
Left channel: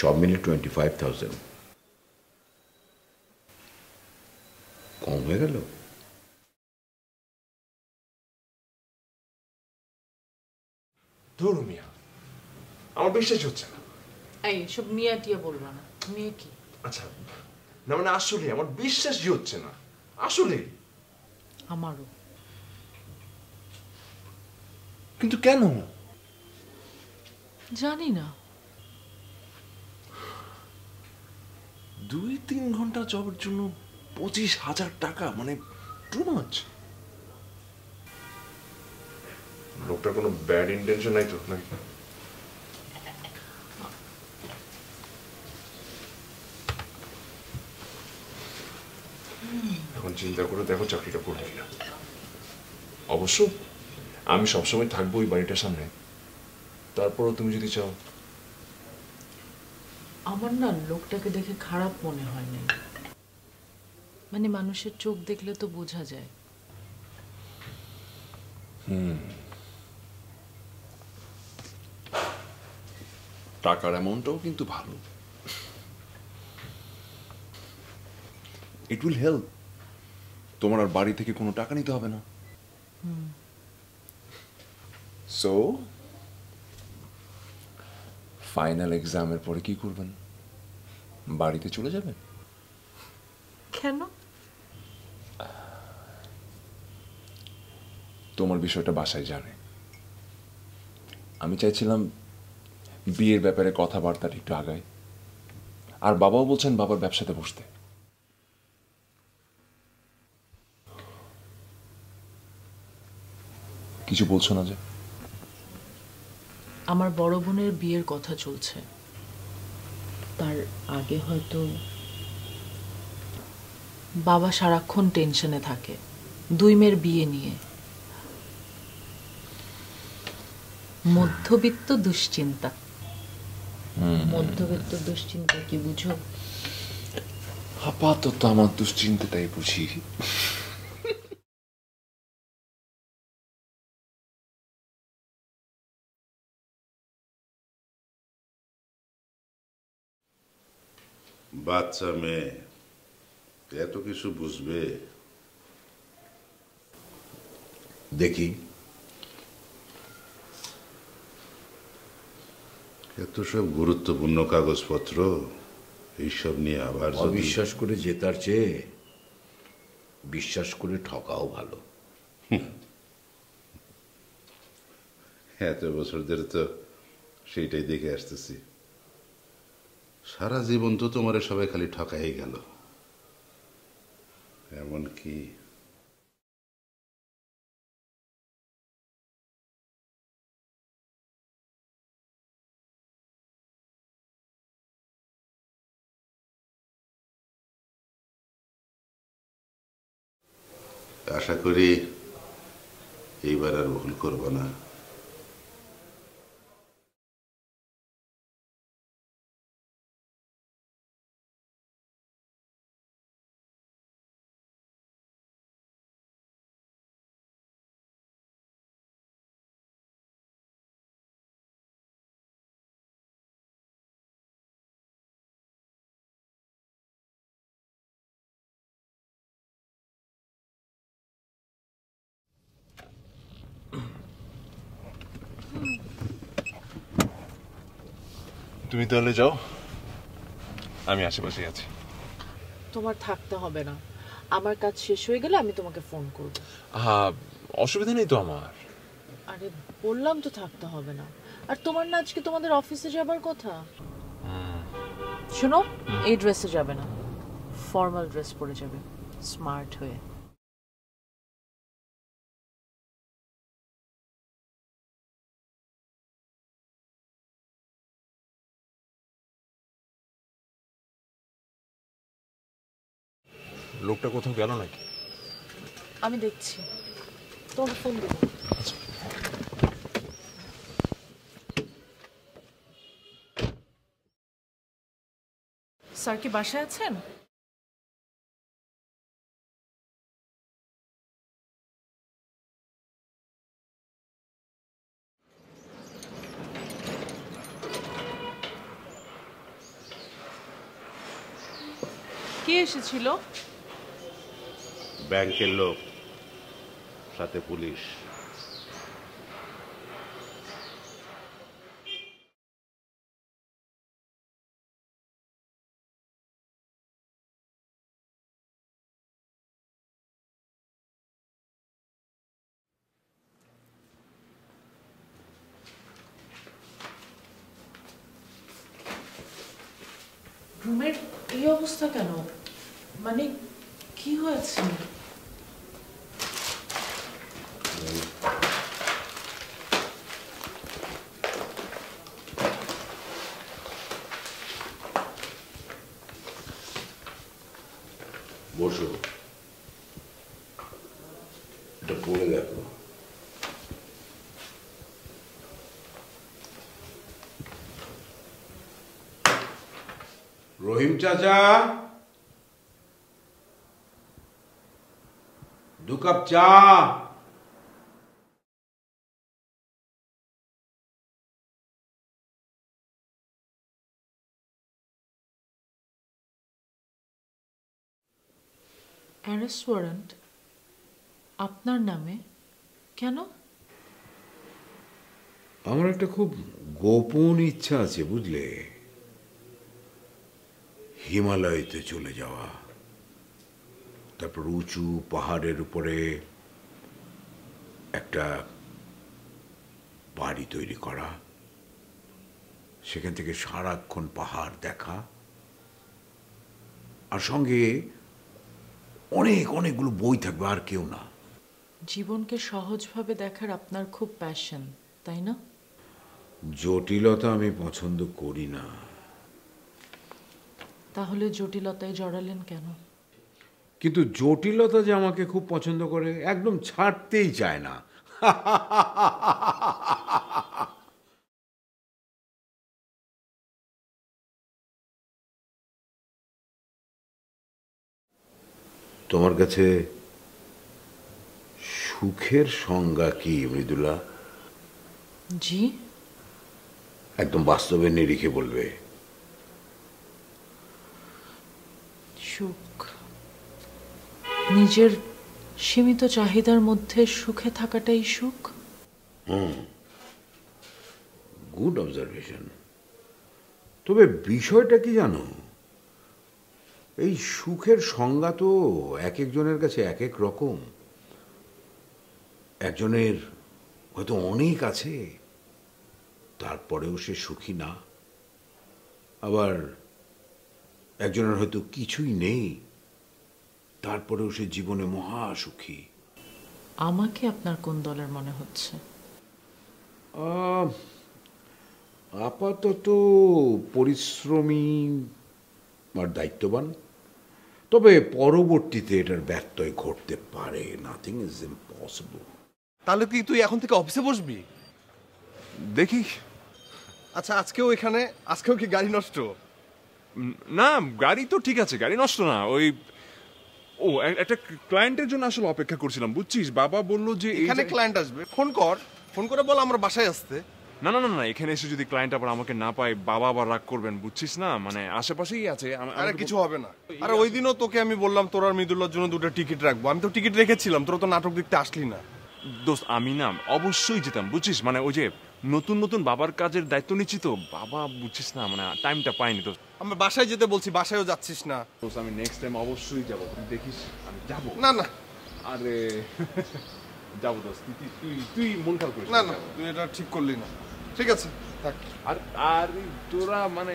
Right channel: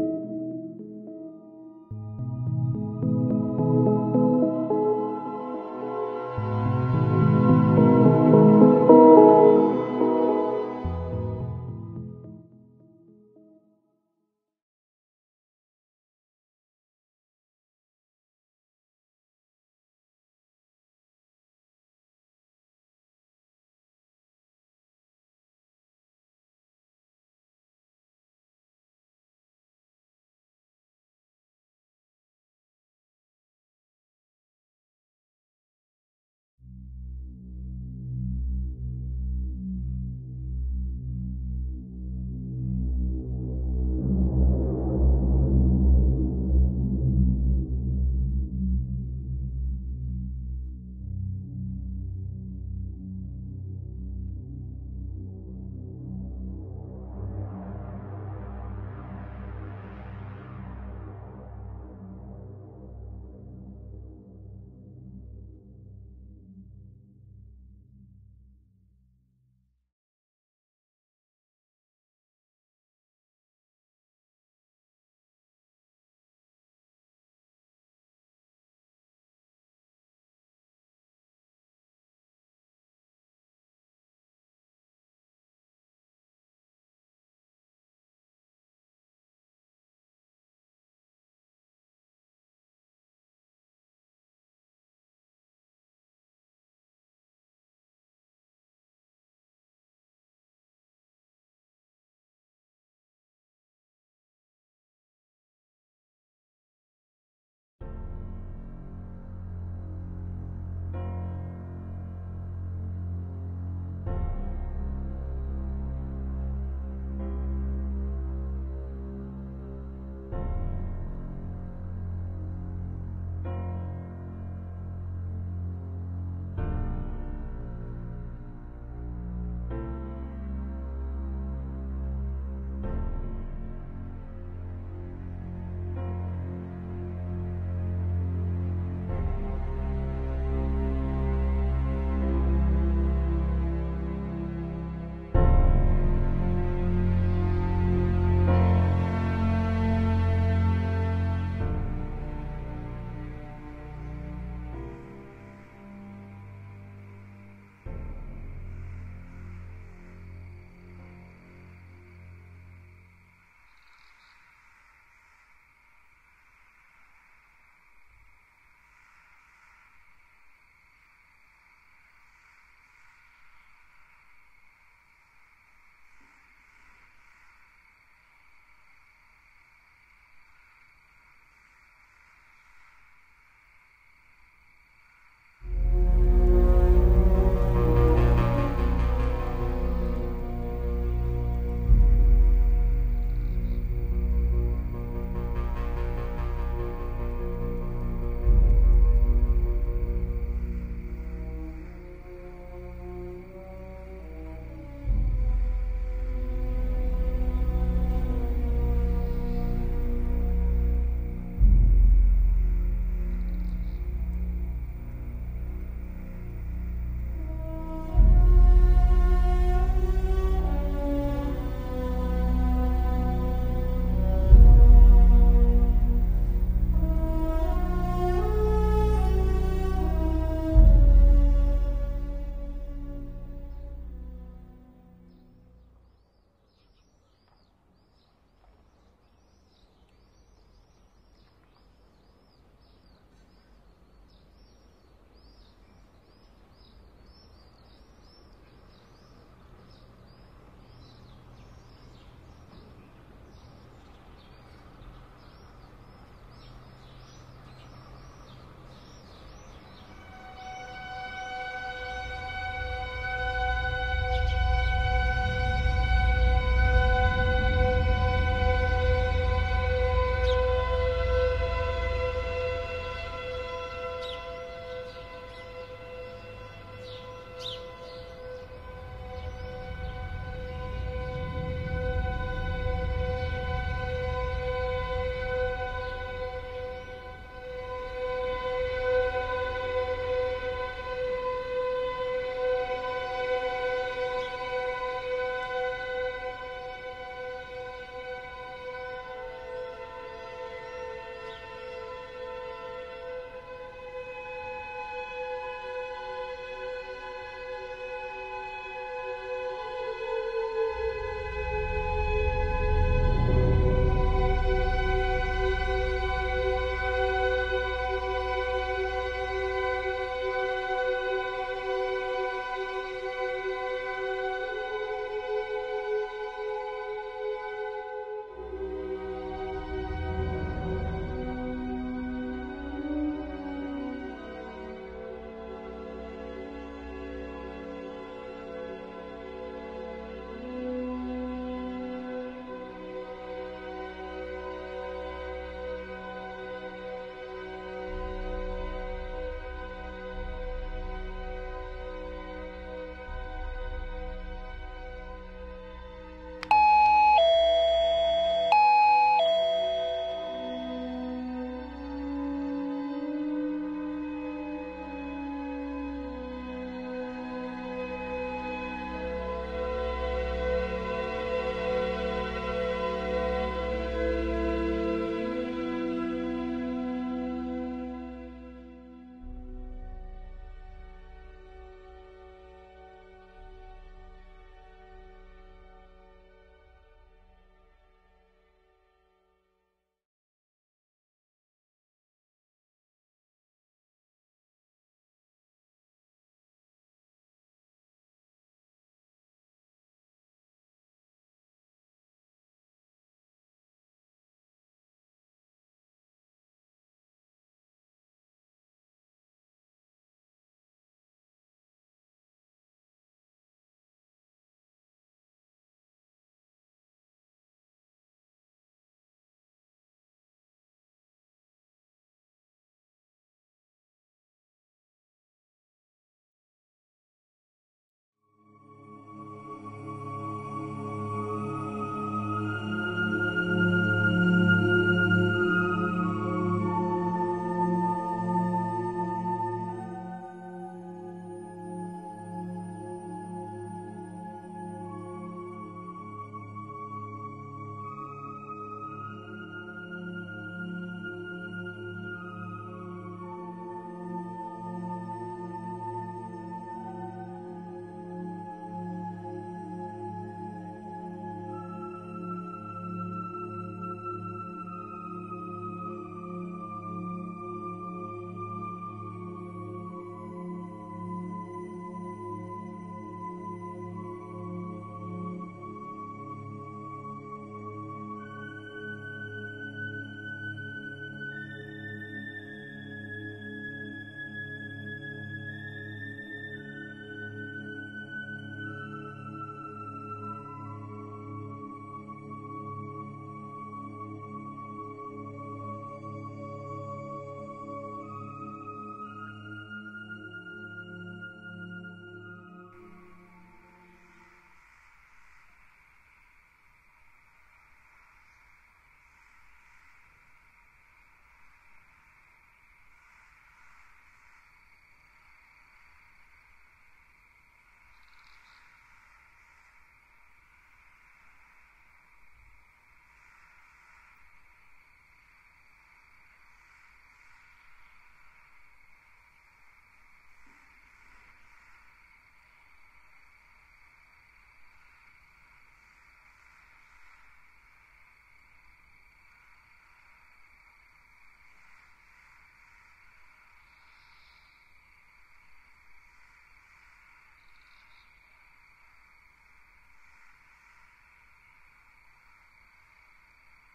সব মিলে 25,000। কম হয়ে গেল? ধরো মিয়া, আমার বিশ্বাস হচ্ছে না। এই সব মিয়া টিয়া বলবা না। মেয়ে কি? আচ্ছা, না মানে আসলে আমার বিশ্বাসই হচ্ছে না, আসলে। আমারও। কিন্তু কেন? জানি না। 2-3 ঘন্টা জবের জন্য 25,000 টাকা, মানে টু মাচ। লোকটার কোনো ব্যাড ইন্টেনশন নাই তো নাকি? এখন চিন্তা করে দেখো চাকরিটা করবে কিনা। অবশ্য আমি সবসময় থাকবো ওই বাড়িটার সামনে, তারপরও তুমি যদি চাও। আমার না লোকটাকে দেখে খারাপ মনে হয়নি, মানে মানুষের চোখ দেখলে তো বোঝা যায়। টাকার অ্যামাউন্টটাও কিন্তু ভালো। It will help. তোমার আর বাড়ি থেকে কোনো টাকা নিতে হবে না। সো ফাইনাল এক্সামের পরে কি করবেন? বাড়িতে চলে যাবেন? কেন? তোমার বিষয়টা বাসায় জানে। আমি চাইছিলাম বিয়ের ব্যাপারে কথাবার্তাটা একটু আগায়, আর বাবাও বলছেন বাবার ব্যবসাতে বসতে। কিছু বলছো না যে? আমার বড় বোনের বিয়ের কথা চলছে, তার আগে হয়তো বাবা সারাক্ষণ টেনশনে থাকে 2 মেয়ের বিয়ে নিয়ে। মধ্যবিত্ত দুশ্চিন্তা। মধ্যবিত্ত দুশ্চিন্তা কি বুঝো? আপাতত আমার দুশ্চিন্তাটাই বুঝি। বাচ্চা মেয়ে এত কিছু বুঝবে? দেখি। এত সব গুরুত্বপূর্ণ কাগজপত্র, এইসব নিয়ে আবার যদি- অবিশ্বাস করে জেতার চেয়ে বিশ্বাস করে ঠকাও ভালো। এত বছর ধরে তো সেইটাই দেখে আসতেছি। সারা জীবন তো তোমার সবাই খালি ঠকাই গেল। এমনকি আশা করি এইবার আর ভুল করবো না। তুমি তাহলে যাও, আমি আশেপাশে আছি। তোমার থাকতে হবে না, আমার কাজ শেষ হয়ে গেলে আমি তোমাকে ফোন করব। হ্যাঁ, অসুবিধা নেই তো আমার। আরে বললাম তো থাকতে হবে না। আর তোমার না আজকে তোমাদের অফিসে যাবার কথা। শোনো, এই ড্রেসে যাবে না, ফর্মাল ড্রেস পরে যাবে, স্মার্ট হয়ে। লোকটা কোথাও গেল নাকি? আমি দেখছি, তোমার ফোন দেবো। স্যার কি বাসায় আছেন? কে এসেছিল? ব্যাংকের লোক, সাথে পুলিশ। রুমের এই অবস্থা কেন? মানে কি হয়েছে? বসো, এটা পড়ে দেখো। রহিম চাচা, 2 কাপ চা। অ্যারেস্ট ওয়ারেন্ট আপনার নামে কেন? আমার একটা খুব গোপন ইচ্ছা আছে বুঝলে, হিমালয়তে চলে যাওয়া, তারপর উঁচু পাহাড়ের উপরে একটা বাড়ি তৈরি করা, সেখান থেকে সারাক্ষণ পাহাড় দেখা, আর সঙ্গে অনেকগুলো বই থাকবে, আর কেউ না। জীবনকে সহজভাবে দেখার আপনার খুব প্যাশন, তাই না? জটিলতা আমি পছন্দ করি না। তাহলে জটিলতায় জড়ালেন কেন? কিন্তু জটিলতা যে আমাকে খুব পছন্দ করে, একদম ছাড়তেই চায় না। তোমার কাছে সুখের সংজ্ঞা কি মৃদুলা? জি, একদম বাস্তবে নিরিখে বলবে। সুখ নিজের সীমিত চাহিদার মধ্যে সুখে থাকাটাই সুখ। Good observation. তবে বিষয়টা কি জানো, এই সুখের সংজ্ঞা তো এক একজনের কাছে এক এক রকম। একজনের হয়তো অনেক আছে, তারপরেও সে সুখী না। আবার একজনের হয়তো কিছুই নেই, তারপরেও সে জীবনে মহা সুখী। আমাকে আপনার কোন দলের মনে হচ্ছে? আপাতত পরিশ্রমী আর দায়িত্ববান, তবে পরবর্তীতে এটার ব্যত্যয় ঘটতে পারে। Nothing is impossible. তাহলে কি তুই এখন থেকে অফিসে বসবি? দেখি। আচ্ছা, আজকেও কি গাড়ি নষ্ট? না, গাড়ি তো ঠিক আছে, গাড়ি নষ্ট না। একটা ক্লায়েন্টের জন্য আসলে অপেক্ষা করছিলাম, বুঝছিস? বাবা বললো যে এখানে ক্লায়েন্ট আসবে, ফোন করে বল আমরা বাসায় আসতে। না না না না, এখানে এসে যদি ক্লায়েন্ট আবার আমাকে না পায়, বাবা আবার রাগ করবেন, বুঝছিস না? মানে আশেপাশেই আছে। আরে কিছু হবে না। আরে ওই দিনও তোকে আমি বললাম তোর আর মৃদুলার জন্য 2টা টিকিট রাখবো, আমি তো টিকিট রেখেছিলাম, তোরা তো নাটক দেখতে আসলি না। দোস্ত, আমি না অবশ্যই যেতাম, বুঝছিস? মানে ওই যে নতুন নতুন বাবার কাজের দায়িত্ব নিচ্ছি তো, বাবা বুঝছিস না, মানে টাইমটা পাইনি। তো আমরা বাসায় যেতে বলছি, বাসায়ও যাচ্ছিস না। দোস্ত, আমি নেক্সট টাইম অবশ্যই যাবো, তুই দেখিস আমি যাবো। না না, আরে যাবো দোস্ত, তুই মন খারাপ করিস না না, তুই এটা ঠিক করলি না। ঠিক আছে, থাক। আর তোরা মানে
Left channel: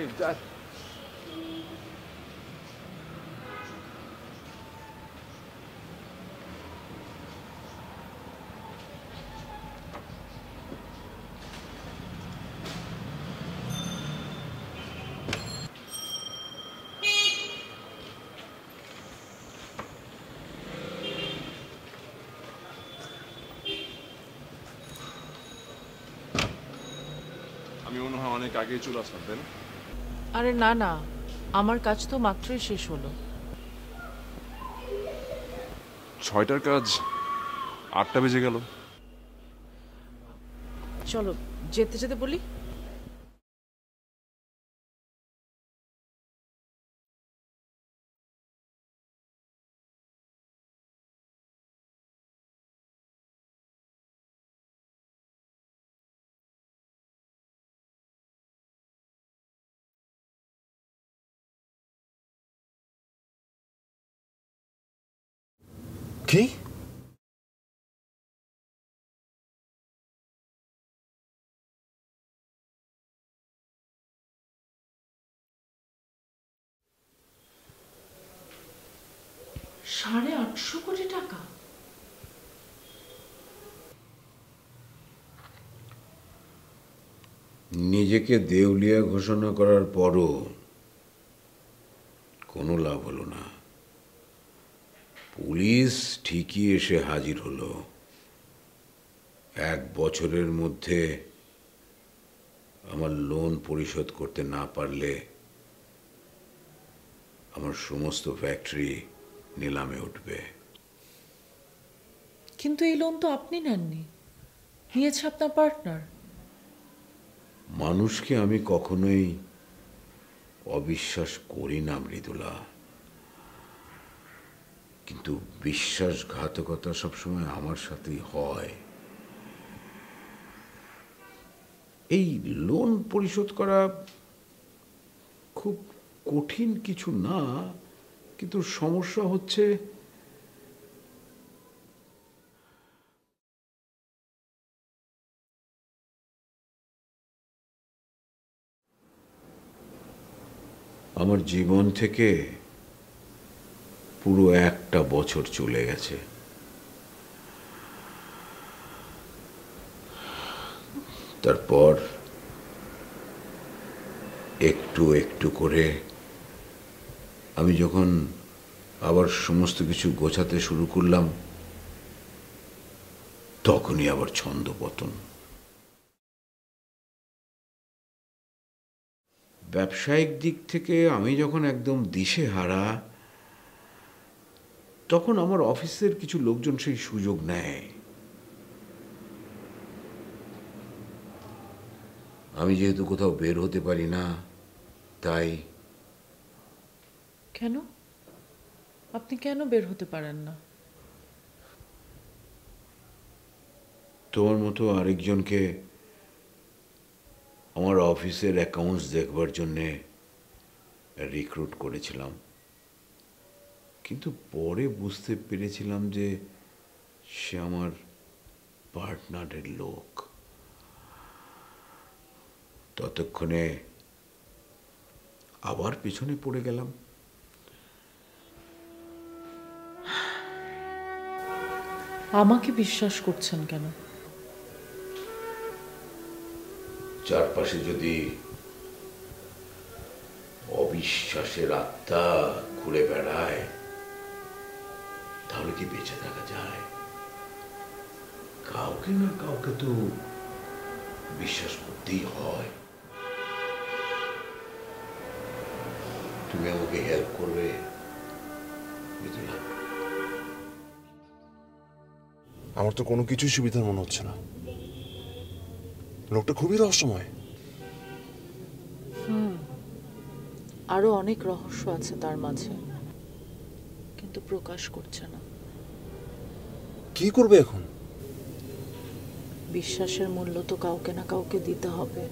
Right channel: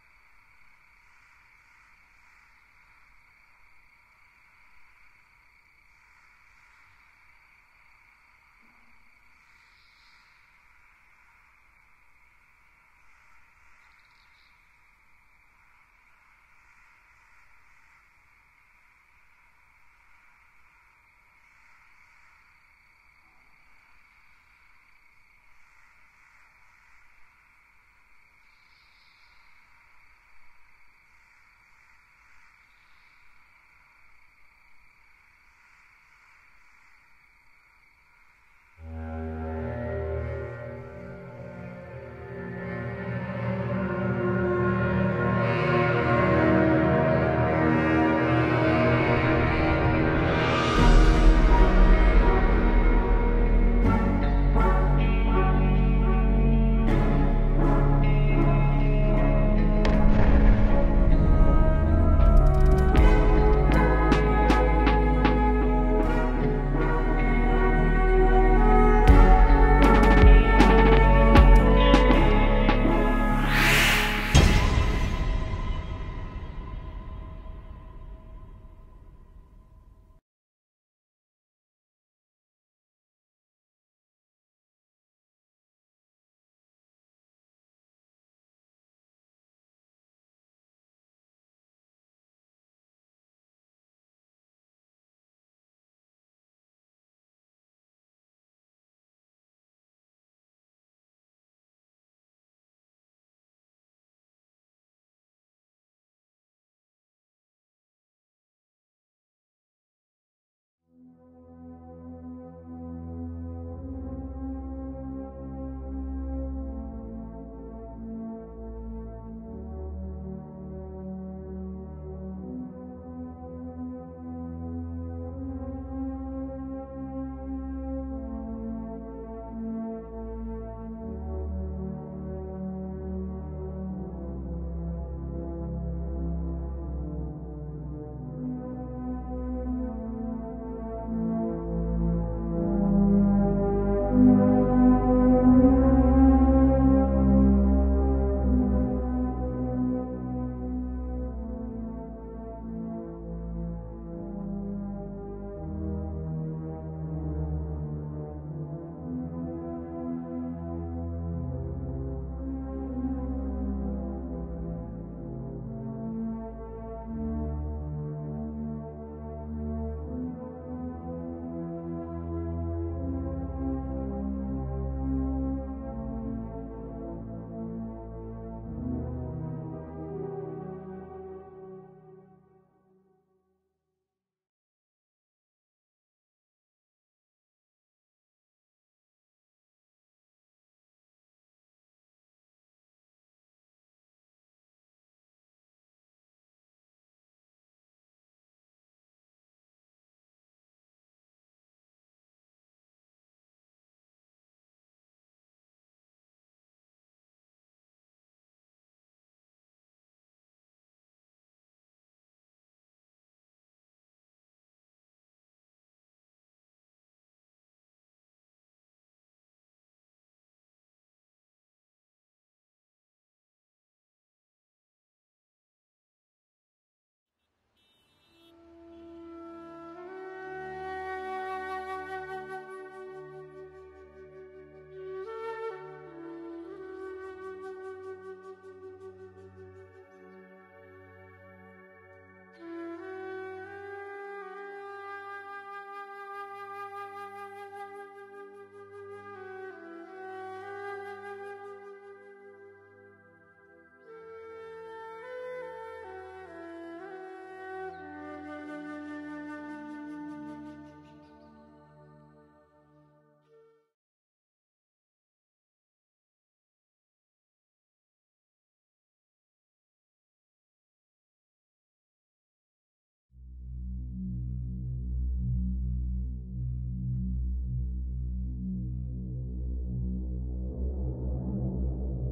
আমি মনে হয় অনেক আগেই চলে আসলাম, তাই না? আরে না না, আমার কাজ তো মাত্রই শেষ হলো। 6টার কাজ 8টা বেজে গেল। চলো যেতে যেতে বলি। কি? $850 কোটি টাকা? নিজেকে দেউলিয়া ঘোষণা করার পরও কোনো লাভ হলো না। পুলিশ ঠিকই এসে হাজির হলো। 1 বছরের মধ্যে আমার লোন পরিশোধ করতে না পারলে আমার সমস্ত ফ্যাক্টরি নিলামে উঠবে। কিন্তু এই লোন তো আপনি নেননি, নিয়েছে আপনার পার্টনার। মানুষকে আমি কখনোই অবিশ্বাস করি না মৃদুলা, কিন্তু বিশ্বাসঘাতকতা সবসময় আমার সাথেই হয়। এই লোন পরিশোধ করা খুব কঠিন কিছু না, কিন্তু সমস্যা হচ্ছে আমার জীবন থেকে পুরো 1টা বছর চলে গেছে। তারপর একটু একটু করে আমি যখন আবার সমস্ত কিছু গোছাতে শুরু করলাম, তখনই আবার ছন্দপতন। ব্যবসায়িক দিক থেকে আমি যখন একদম দিশেহারা, তখন আমার অফিসের কিছু লোকজন সেই সুযোগ নেয়। আমি যেহেতু কোথাও বের হতে পারি না, তাই। কেন? আপনি কেন বের হতে পারেন না? তোমার মতো আরেকজনকে আমার অফিসের অ্যাকাউন্টস দেখবার জন্যে রিক্রুট করেছিলাম, কিন্তু পরে বুঝতে পেরেছিলাম যে সে আমার পার্টনারের লোক। ততক্ষণে আবার পিছনে পড়ে গেলাম। আমাকে বিশ্বাস করছেন কেন? চারপাশে যদি অবিশ্বাসের আত্মা ঘুরে বেড়ায়, তাহলে কি বেঁচে থাকা যায়? কাউকে না কাউকে তো বিশ্বাস করতেই হয়। তুমি আমাকে হেল্প করবে মিথিলা? আমার তো কোনো কিছুই সুবিধার মনে হচ্ছে না। লোকটা খুবই রহস্যময়। আরো অনেক রহস্য আছে তার মাঝে, কিন্তু প্রকাশ করছে না। কি করবে এখন? বিশ্বাসের মূল্য তো কাউকে না কাউকে দিতে হবে।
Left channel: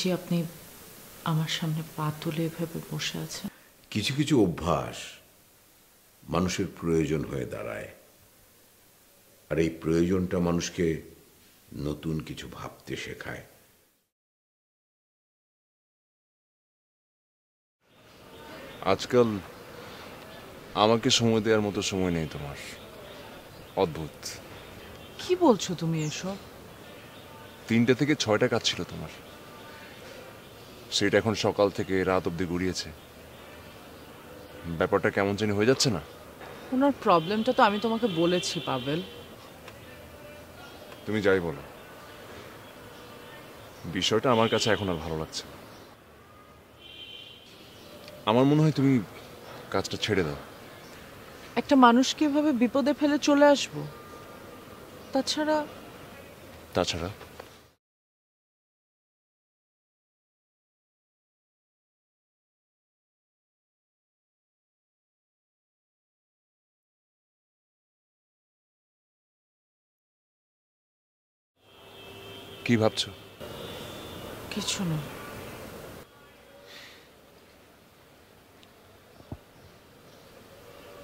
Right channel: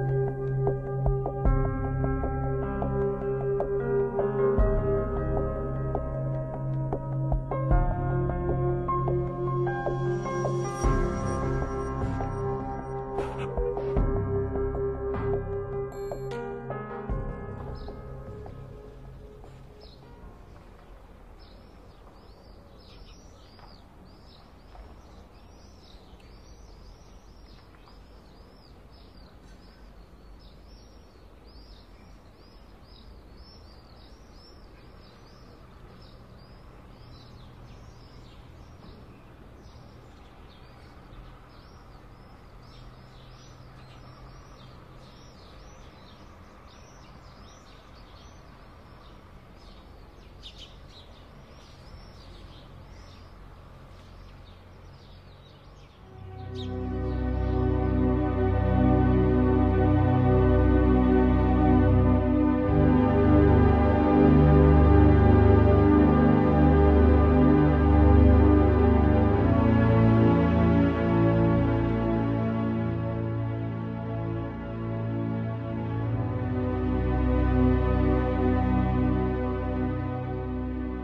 দেখছি আপনি আমার সামনে পা তুলে ভেবে বসে আছেন। কিছু কিছু অভ্যাস মানুষের প্রয়োজন হয়ে দাঁড়ায়, আর এই প্রয়োজনটা মানুষকে নতুন কিছু ভাবতে শেখায়। আজকাল আমাকে সময় দেওয়ার মতো সময় নেই তোমার। অদ্ভুত। কি বলছো তুমি এসব? 3টে থেকে 6টা কাজ ছিল তোমার, সেটা এখন সকাল থেকে রাত অব্দি গড়িয়েছে। ব্যাপারটা কেমন জানি হয়ে যাচ্ছে না? ওনার প্রবলেমটা তো আমি তোমাকে বলেছি পাবেল। তুমি যাই বলো, বিষয়টা আমার কাছে এখন আর ভালো লাগছে না। আমার মনে হয় তুমি কাজটা ছেড়ে দাও। একটা মানুষকে এভাবে বিপদে ফেলে চলে আসবো? তাছাড়া কি ভাবছো? কিছু না।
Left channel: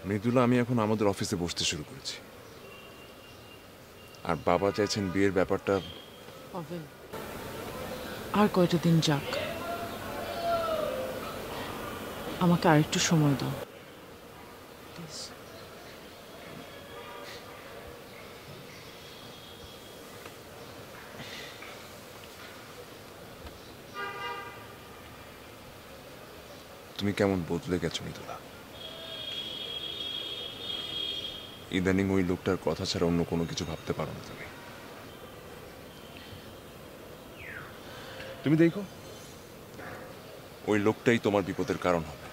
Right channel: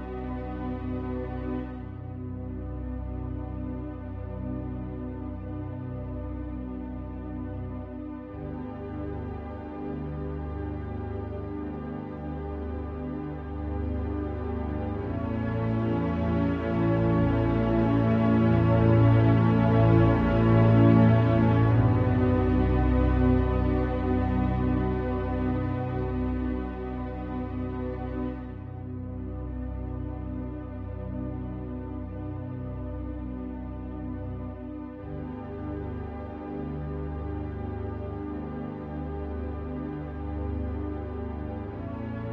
মৃদুলা, আমি এখন আমাদের অফিসে বসতে শুরু করেছি, আর বাবা চাইছেন বিয়ের ব্যাপারটা। পাবেল, আর কয়টা দিন যাক, আমাকে আরেকটু সময় দাও। তুমি কেমন বদলে গেছো মৃদুলা। ইদানিং ওই লোকটার কথা ছাড়া অন্য কোনো কিছু ভাবতে পারো না তুমি। তুমি দেখো, ওই লোকটাই তোমার বিপদের কারণ হবে।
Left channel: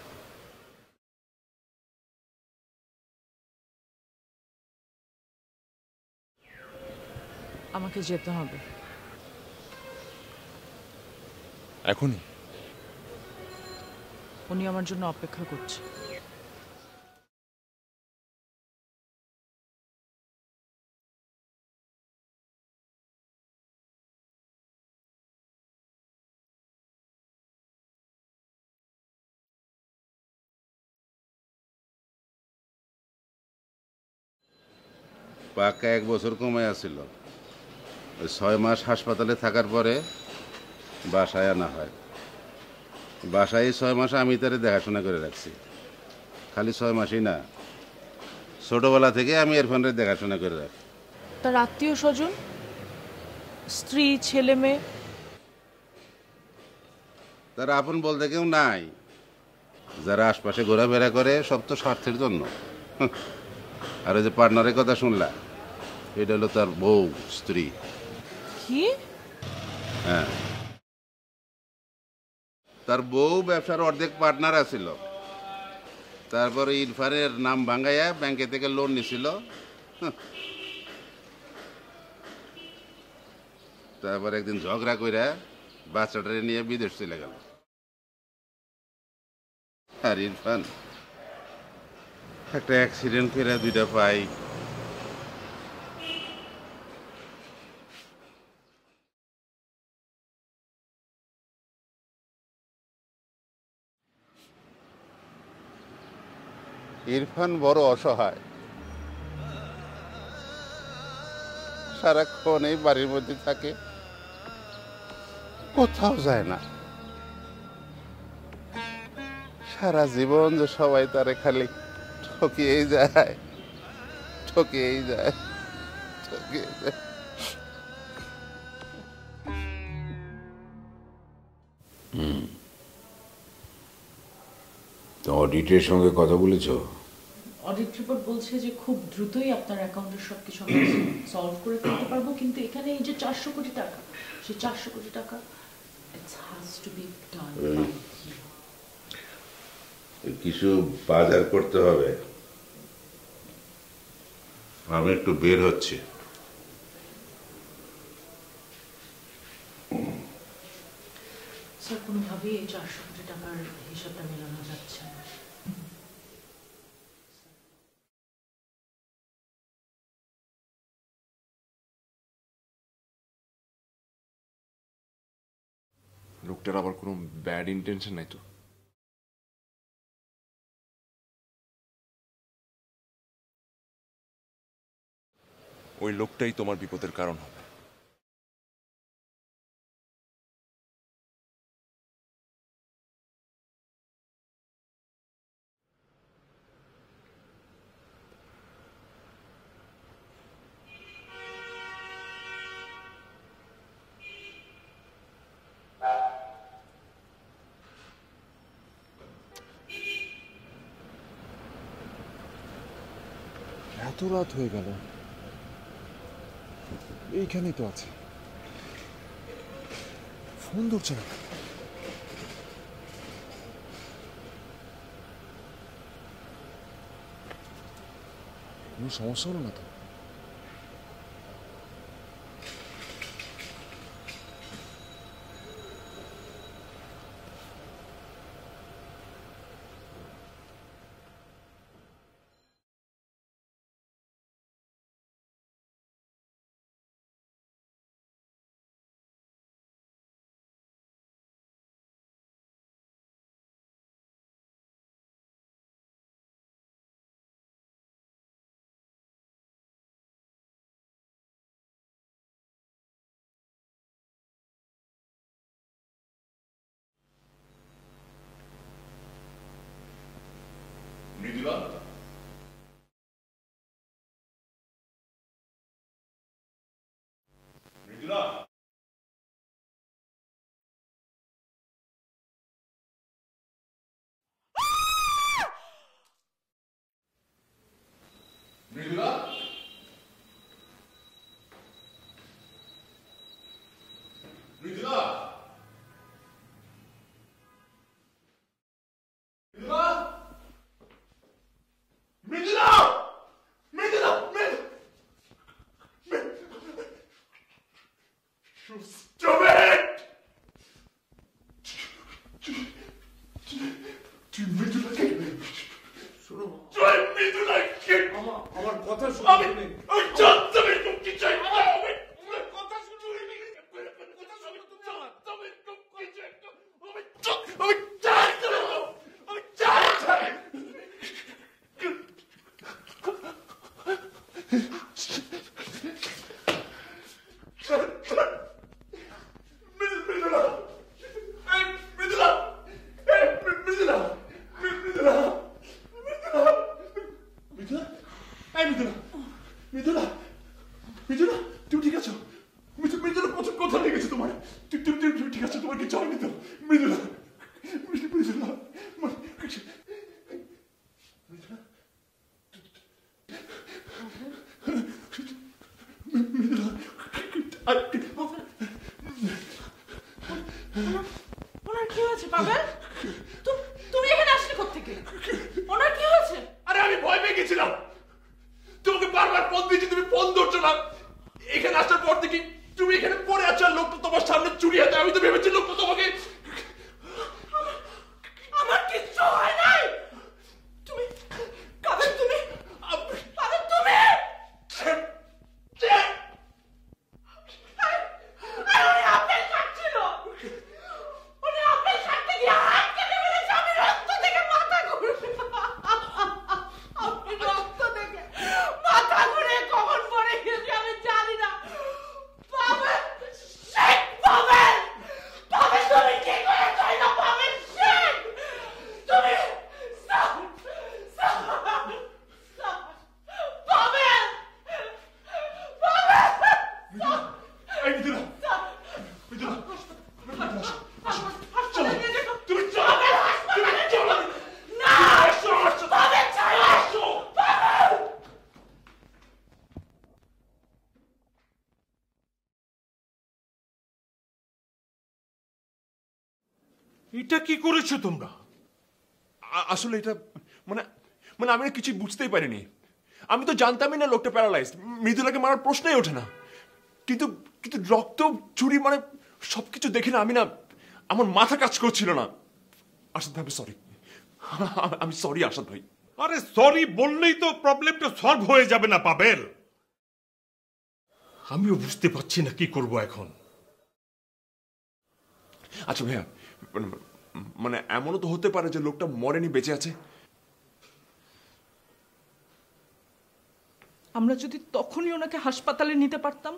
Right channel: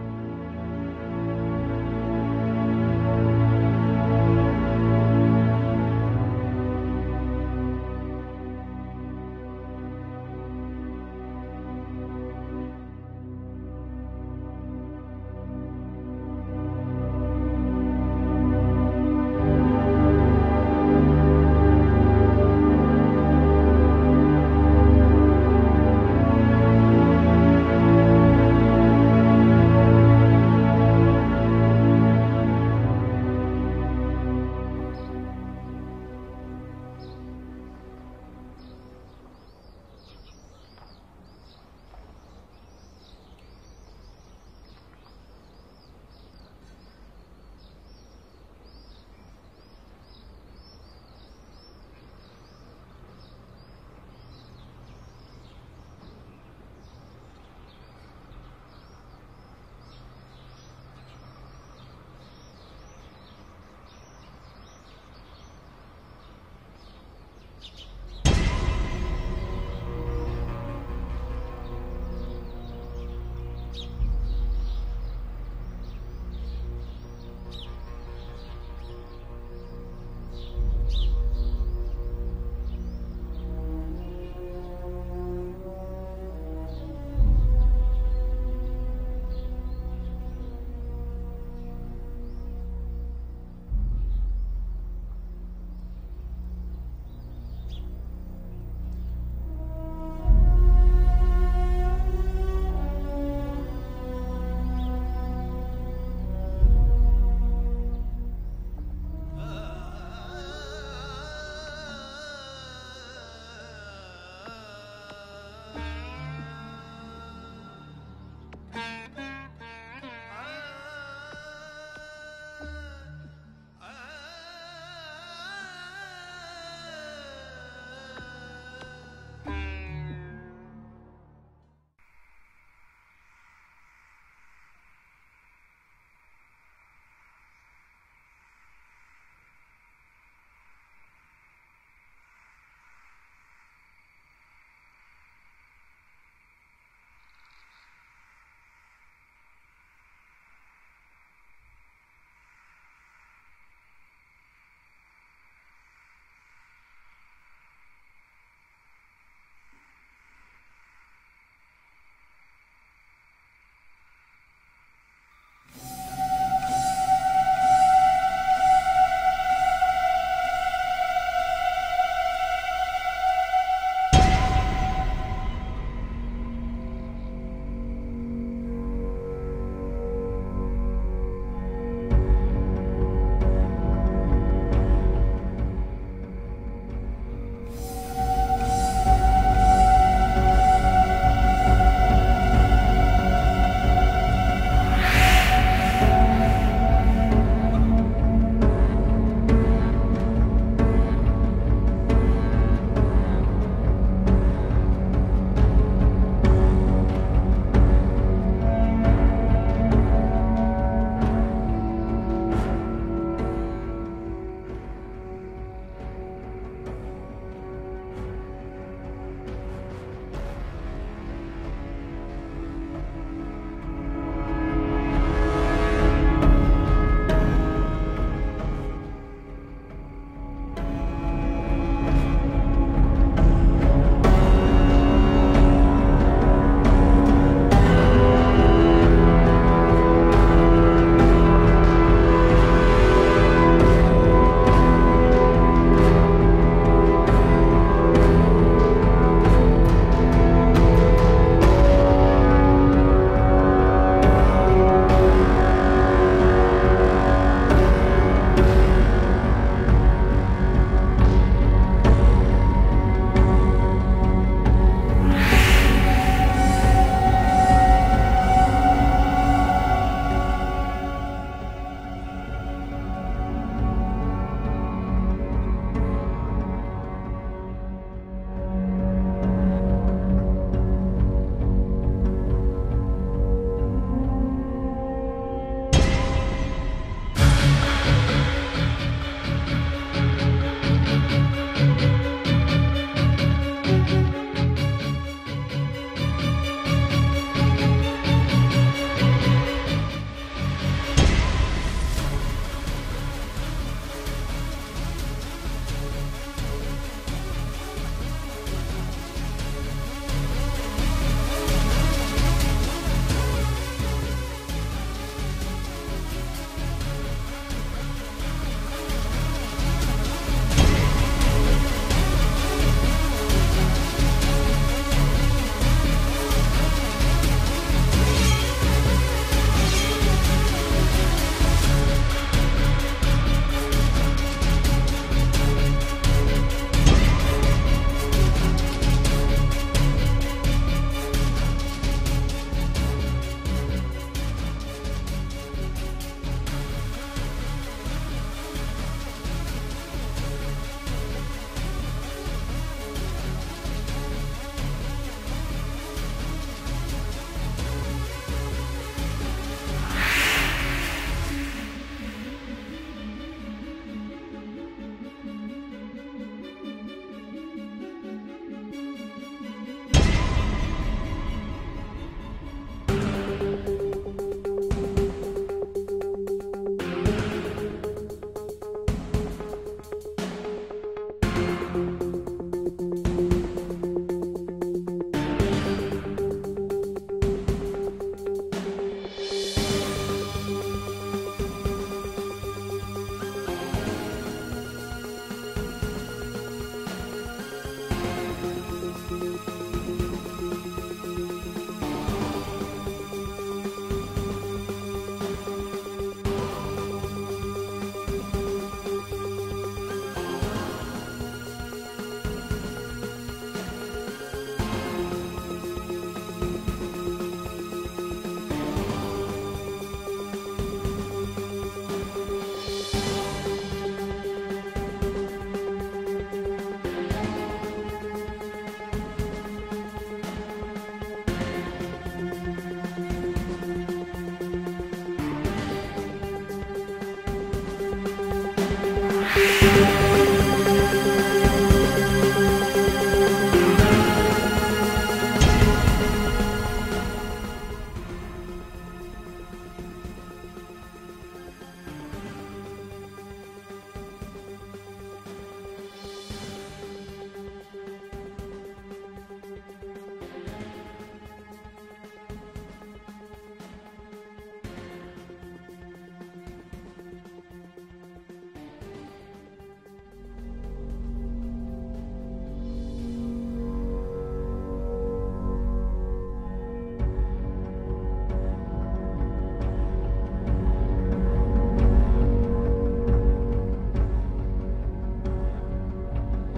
আমাকে যেতে হবে এখনই? উনি আমার জন্য অপেক্ষা করছে। পাকা 1 বছর কমে আসছিল, 6 মাস হাসপাতালে থাকার পরে বাসায় আনা হয়। বাসায় 6 মাস আমি তারে দেখাশোনা করে রাখছি। খালি 6 মাসই না, ছোটবেলা থেকে আমি ইরফানের দেখাশোনা করে রাখি। তার আত্মীয় স্বজন, স্ত্রী, ছেলে মেয়ে? তার আপন বলতে কেউ নাই। যারা আশপাশে ঘোরাফেরা করে সব তো স্বার্থের জন্য। আর ওই যে পার্টনারের কথা শুনলা, এটা হলো তার বউ, স্ত্রী। কি? হ্যাঁ, তার বউ ব্যবসার অর্ধেক পার্টনার আছিল। তারপরে ইরফানের নাম ভাঙাইয়া ব্যাংকে থেকে লোন নিছিল। তারপর একদিন ঝগড়া কইরা বাচ্চাটারে নিয়ে বিদেশ চলে গেল। আর ইরফান একটা অ্যাক্সিডেন্ট করে 2টা পাই। ইরফান বড় অসহায়, সারাক্ষণ এই বাড়ির মধ্যে থাকে, কোথাও যায় না। সারা জীবন যে সবাই তারে খালি ঠকিয়েই যায়, ঠকিয়েই যায়, ঠকিয়েই যায়। তো অডিটের সঙ্গে কথা বলেছো? অডিট রিপোর্ট বলছে যে খুব দ্রুতই আপনার অ্যাকাউন্টের সবকিছু আমরা সলভ করে ফেলতে পারবো, কিন্তু এখানে এই যে 400 কোটি টাকা, সেই 400 কোটি টাকা it has to be done by you. কিছু বাজার করতে হবে, আমি একটু বের হচ্ছি। স্যার, কোনোভাবেই এই 400 কোটি টাকার হিসাবটা মেলানো যাচ্ছে না। লোকটার আবার কোনো ব্যাড ইন্টেনশন নাই তো? ওই লোকটাই তোমার বিপদের কারণ হবে। এত রাত হয়ে গেল, এইখানেই তো আছে, ফোন ধরছে না। কোনো সমস্যা হলো না তো? ওনার কি হয়েছে পাগল? তুমি এখানে আসলে কোথেকে? ওনার কি হয়েছে? আরে আমি ভয় পেয়ে গেছিলাম, তোমাকে বারবার ফোন দিয়েছি, তুমি ফোন ধরছো না। এখানে আসার পর থেকে তুমি এখানে পড়ে আছো, আর লোকটা তোমার সামনে চুরি আছে। আমি তো ভেবেছি লোকটা তোমাকে। আমার কিচ্ছু হয় নাই। পাগল তুমি, পাগল তুমি। উনি আপেল খাচ্ছিল, উনি আপেল খাচ্ছে গিয়ে হাত কেটে মেরেছে। আমি রক্ত থেকে মাথা ঘুরেছি, আমি রক্ত থেকে মাথা ঘুরে কখন পড়ে গেছি আমি জানি না। পাগল, শেখ পাগল, পাগল তুমি কি করে কইলো? পাগল শেখ তুমি, এটা কি করেছো তোমরা? আসলে এটা মানে মানে আমি না কিছু বুঝতেই পারিনি। আমি তো জানতামই না লোকটা প্যারালাইজ, মৃদুলাকে মারার প্রশ্নই ওঠে না। কিন্তু কিন্তু রক্ত, চুরি, মানে সবকিছু দেখে না আমি না, আমার মাথা কাজ করছিল না। আসাদ ভাই সরি, আমি সরি আসাদ ভাই। আরে সরি বললেই তো প্রবলেমটা সলভ হয়ে যাবে না পাবেল? আমিও বুঝতে পারছি না কি করব এখন। আচ্ছা ভাইয়া, মানে এমনও তো হতে পারে যে লোকটা মরেনি, বেঁচে আছে। আমরা যদি তখনই ওনাকে হাসপাতালে নিতে পারতাম,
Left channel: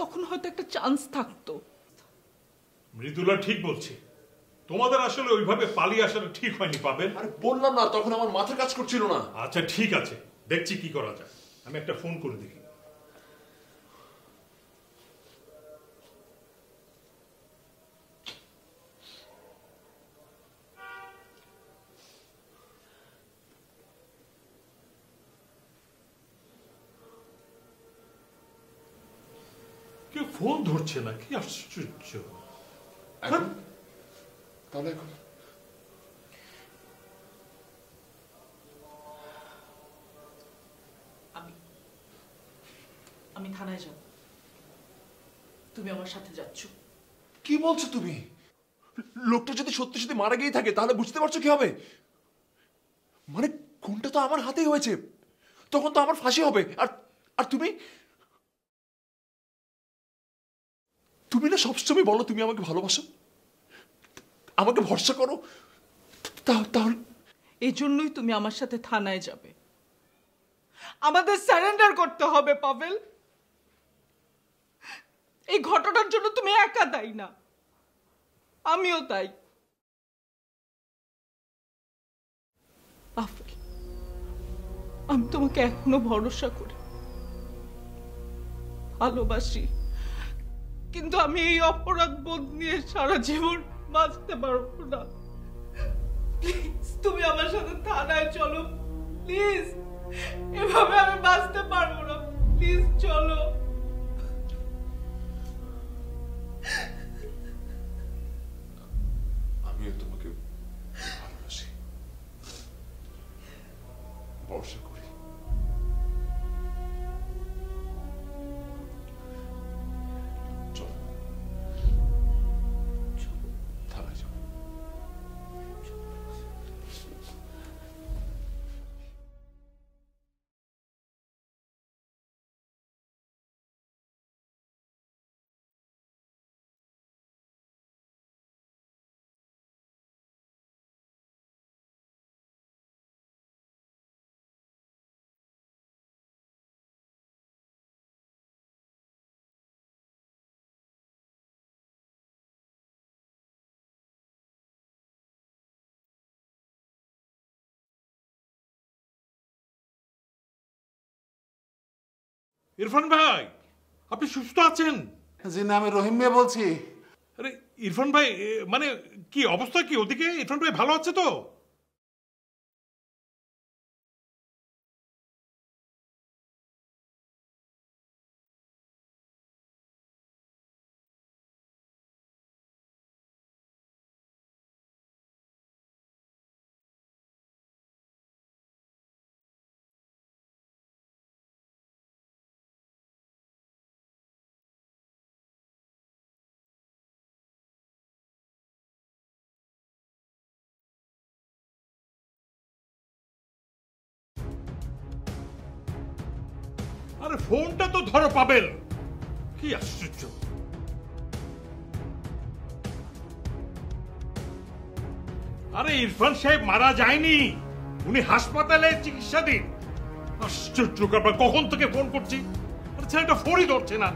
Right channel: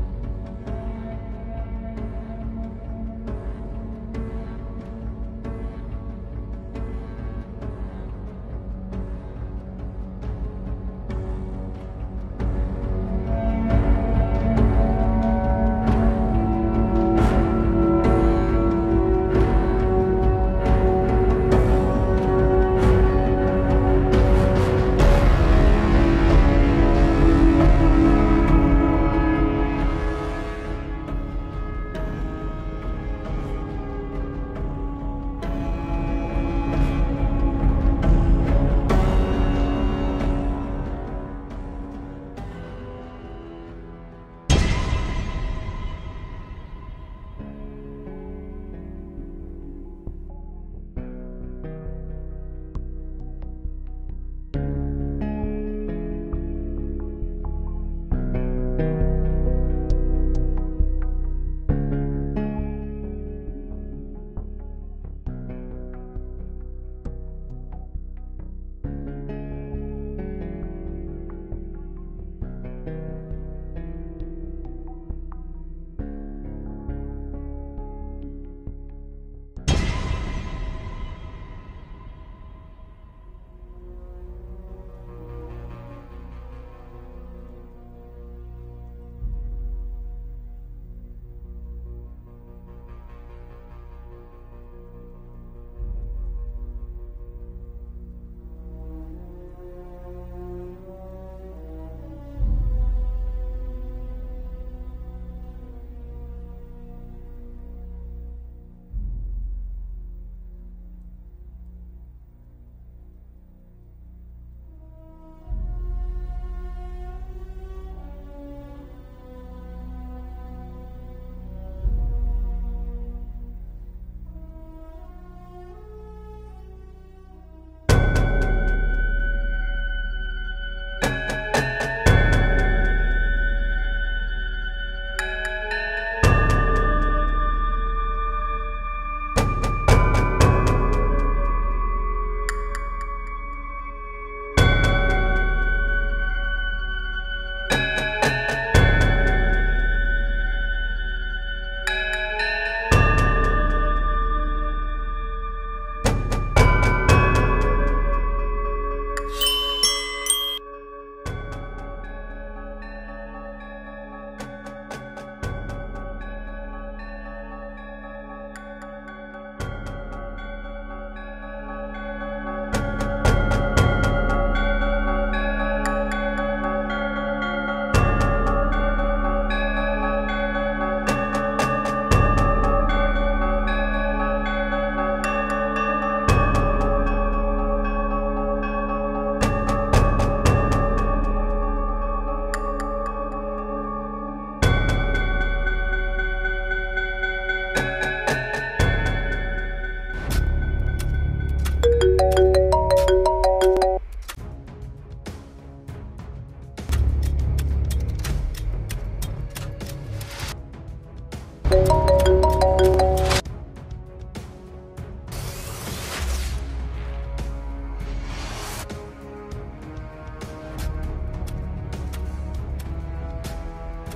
তখন হয়তো একটা চান্স থাকতো। মৃদুলা ঠিক বলছে, তোমাদের আসলে ওইভাবে পালিয়ে আসাটা ঠিক হয়নি পাবেল। আরে বললাম না, তখন আমার মাথা কাজ করছিল না। আচ্ছা ঠিক আছে, দেখছি কি করা যায়। আমি একটা ফোন করব। ফোন ধরছে না, কি আশ্চর্য। আমি থানায় যাব, তুমি আমার সাথে যাচ্ছ। কি বলছো তুমি? লোকটা যদি সত্যি সত্যি মারা গিয়ে থাকে তাহলে বুঝতে পারছো কি হবে? মানে কোনটা তো আমার হাতেই হয়েছে, তখন তো আমার ফাঁসি হবে। আর আর তুমি তুমি না সবসময় বলো তুমি আমাকে ভালোবাসো, আমাকে ভরসা করো, তাহলে এই জন্যই তুমি আমার সাথে থানায় যাবে। আমাদের সারেন্ডার করতে হবে পাবেল। এই ঘটনার জন্য তুমি একা দায়ী না, আমিও তাই। পাবেল, আমি তোমাকে এখনো ভরসা করি, ভালোবাসি, কিন্তু আমি এই অপরাধ বোধ নিয়ে সারা জীবন বাঁচতে পারবো না। প্লিজ তুমি আমার সাথে থানায় চলো, প্লিজ। এভাবে আমি বাঁচতে পারবো না, প্লিজ চলো। আমিও তোমাকে ভালোবাসি, ভরসা করি। চলো থানায় যাও। ইরফান ভাই, আপনি সুস্থ আছেন? জি না, আমি রহিম মিয়া বলছি। আরে ইরফান ভাই, মানে কি অবস্থা, কি ওদিকে ইরফান ভাই ভালো আছে তো? আরে ফোনটা তো ধরো পাবেল, কি আশ্চর্য। আরে ইরফান সাহেব মারা যায়নি, উনি হাসপাতালে চিকিৎসাধীন। আশ্চর্য ব্যাপার, কখন থেকে ফোন করছি ছেলেটা ফোনই ধরছে না।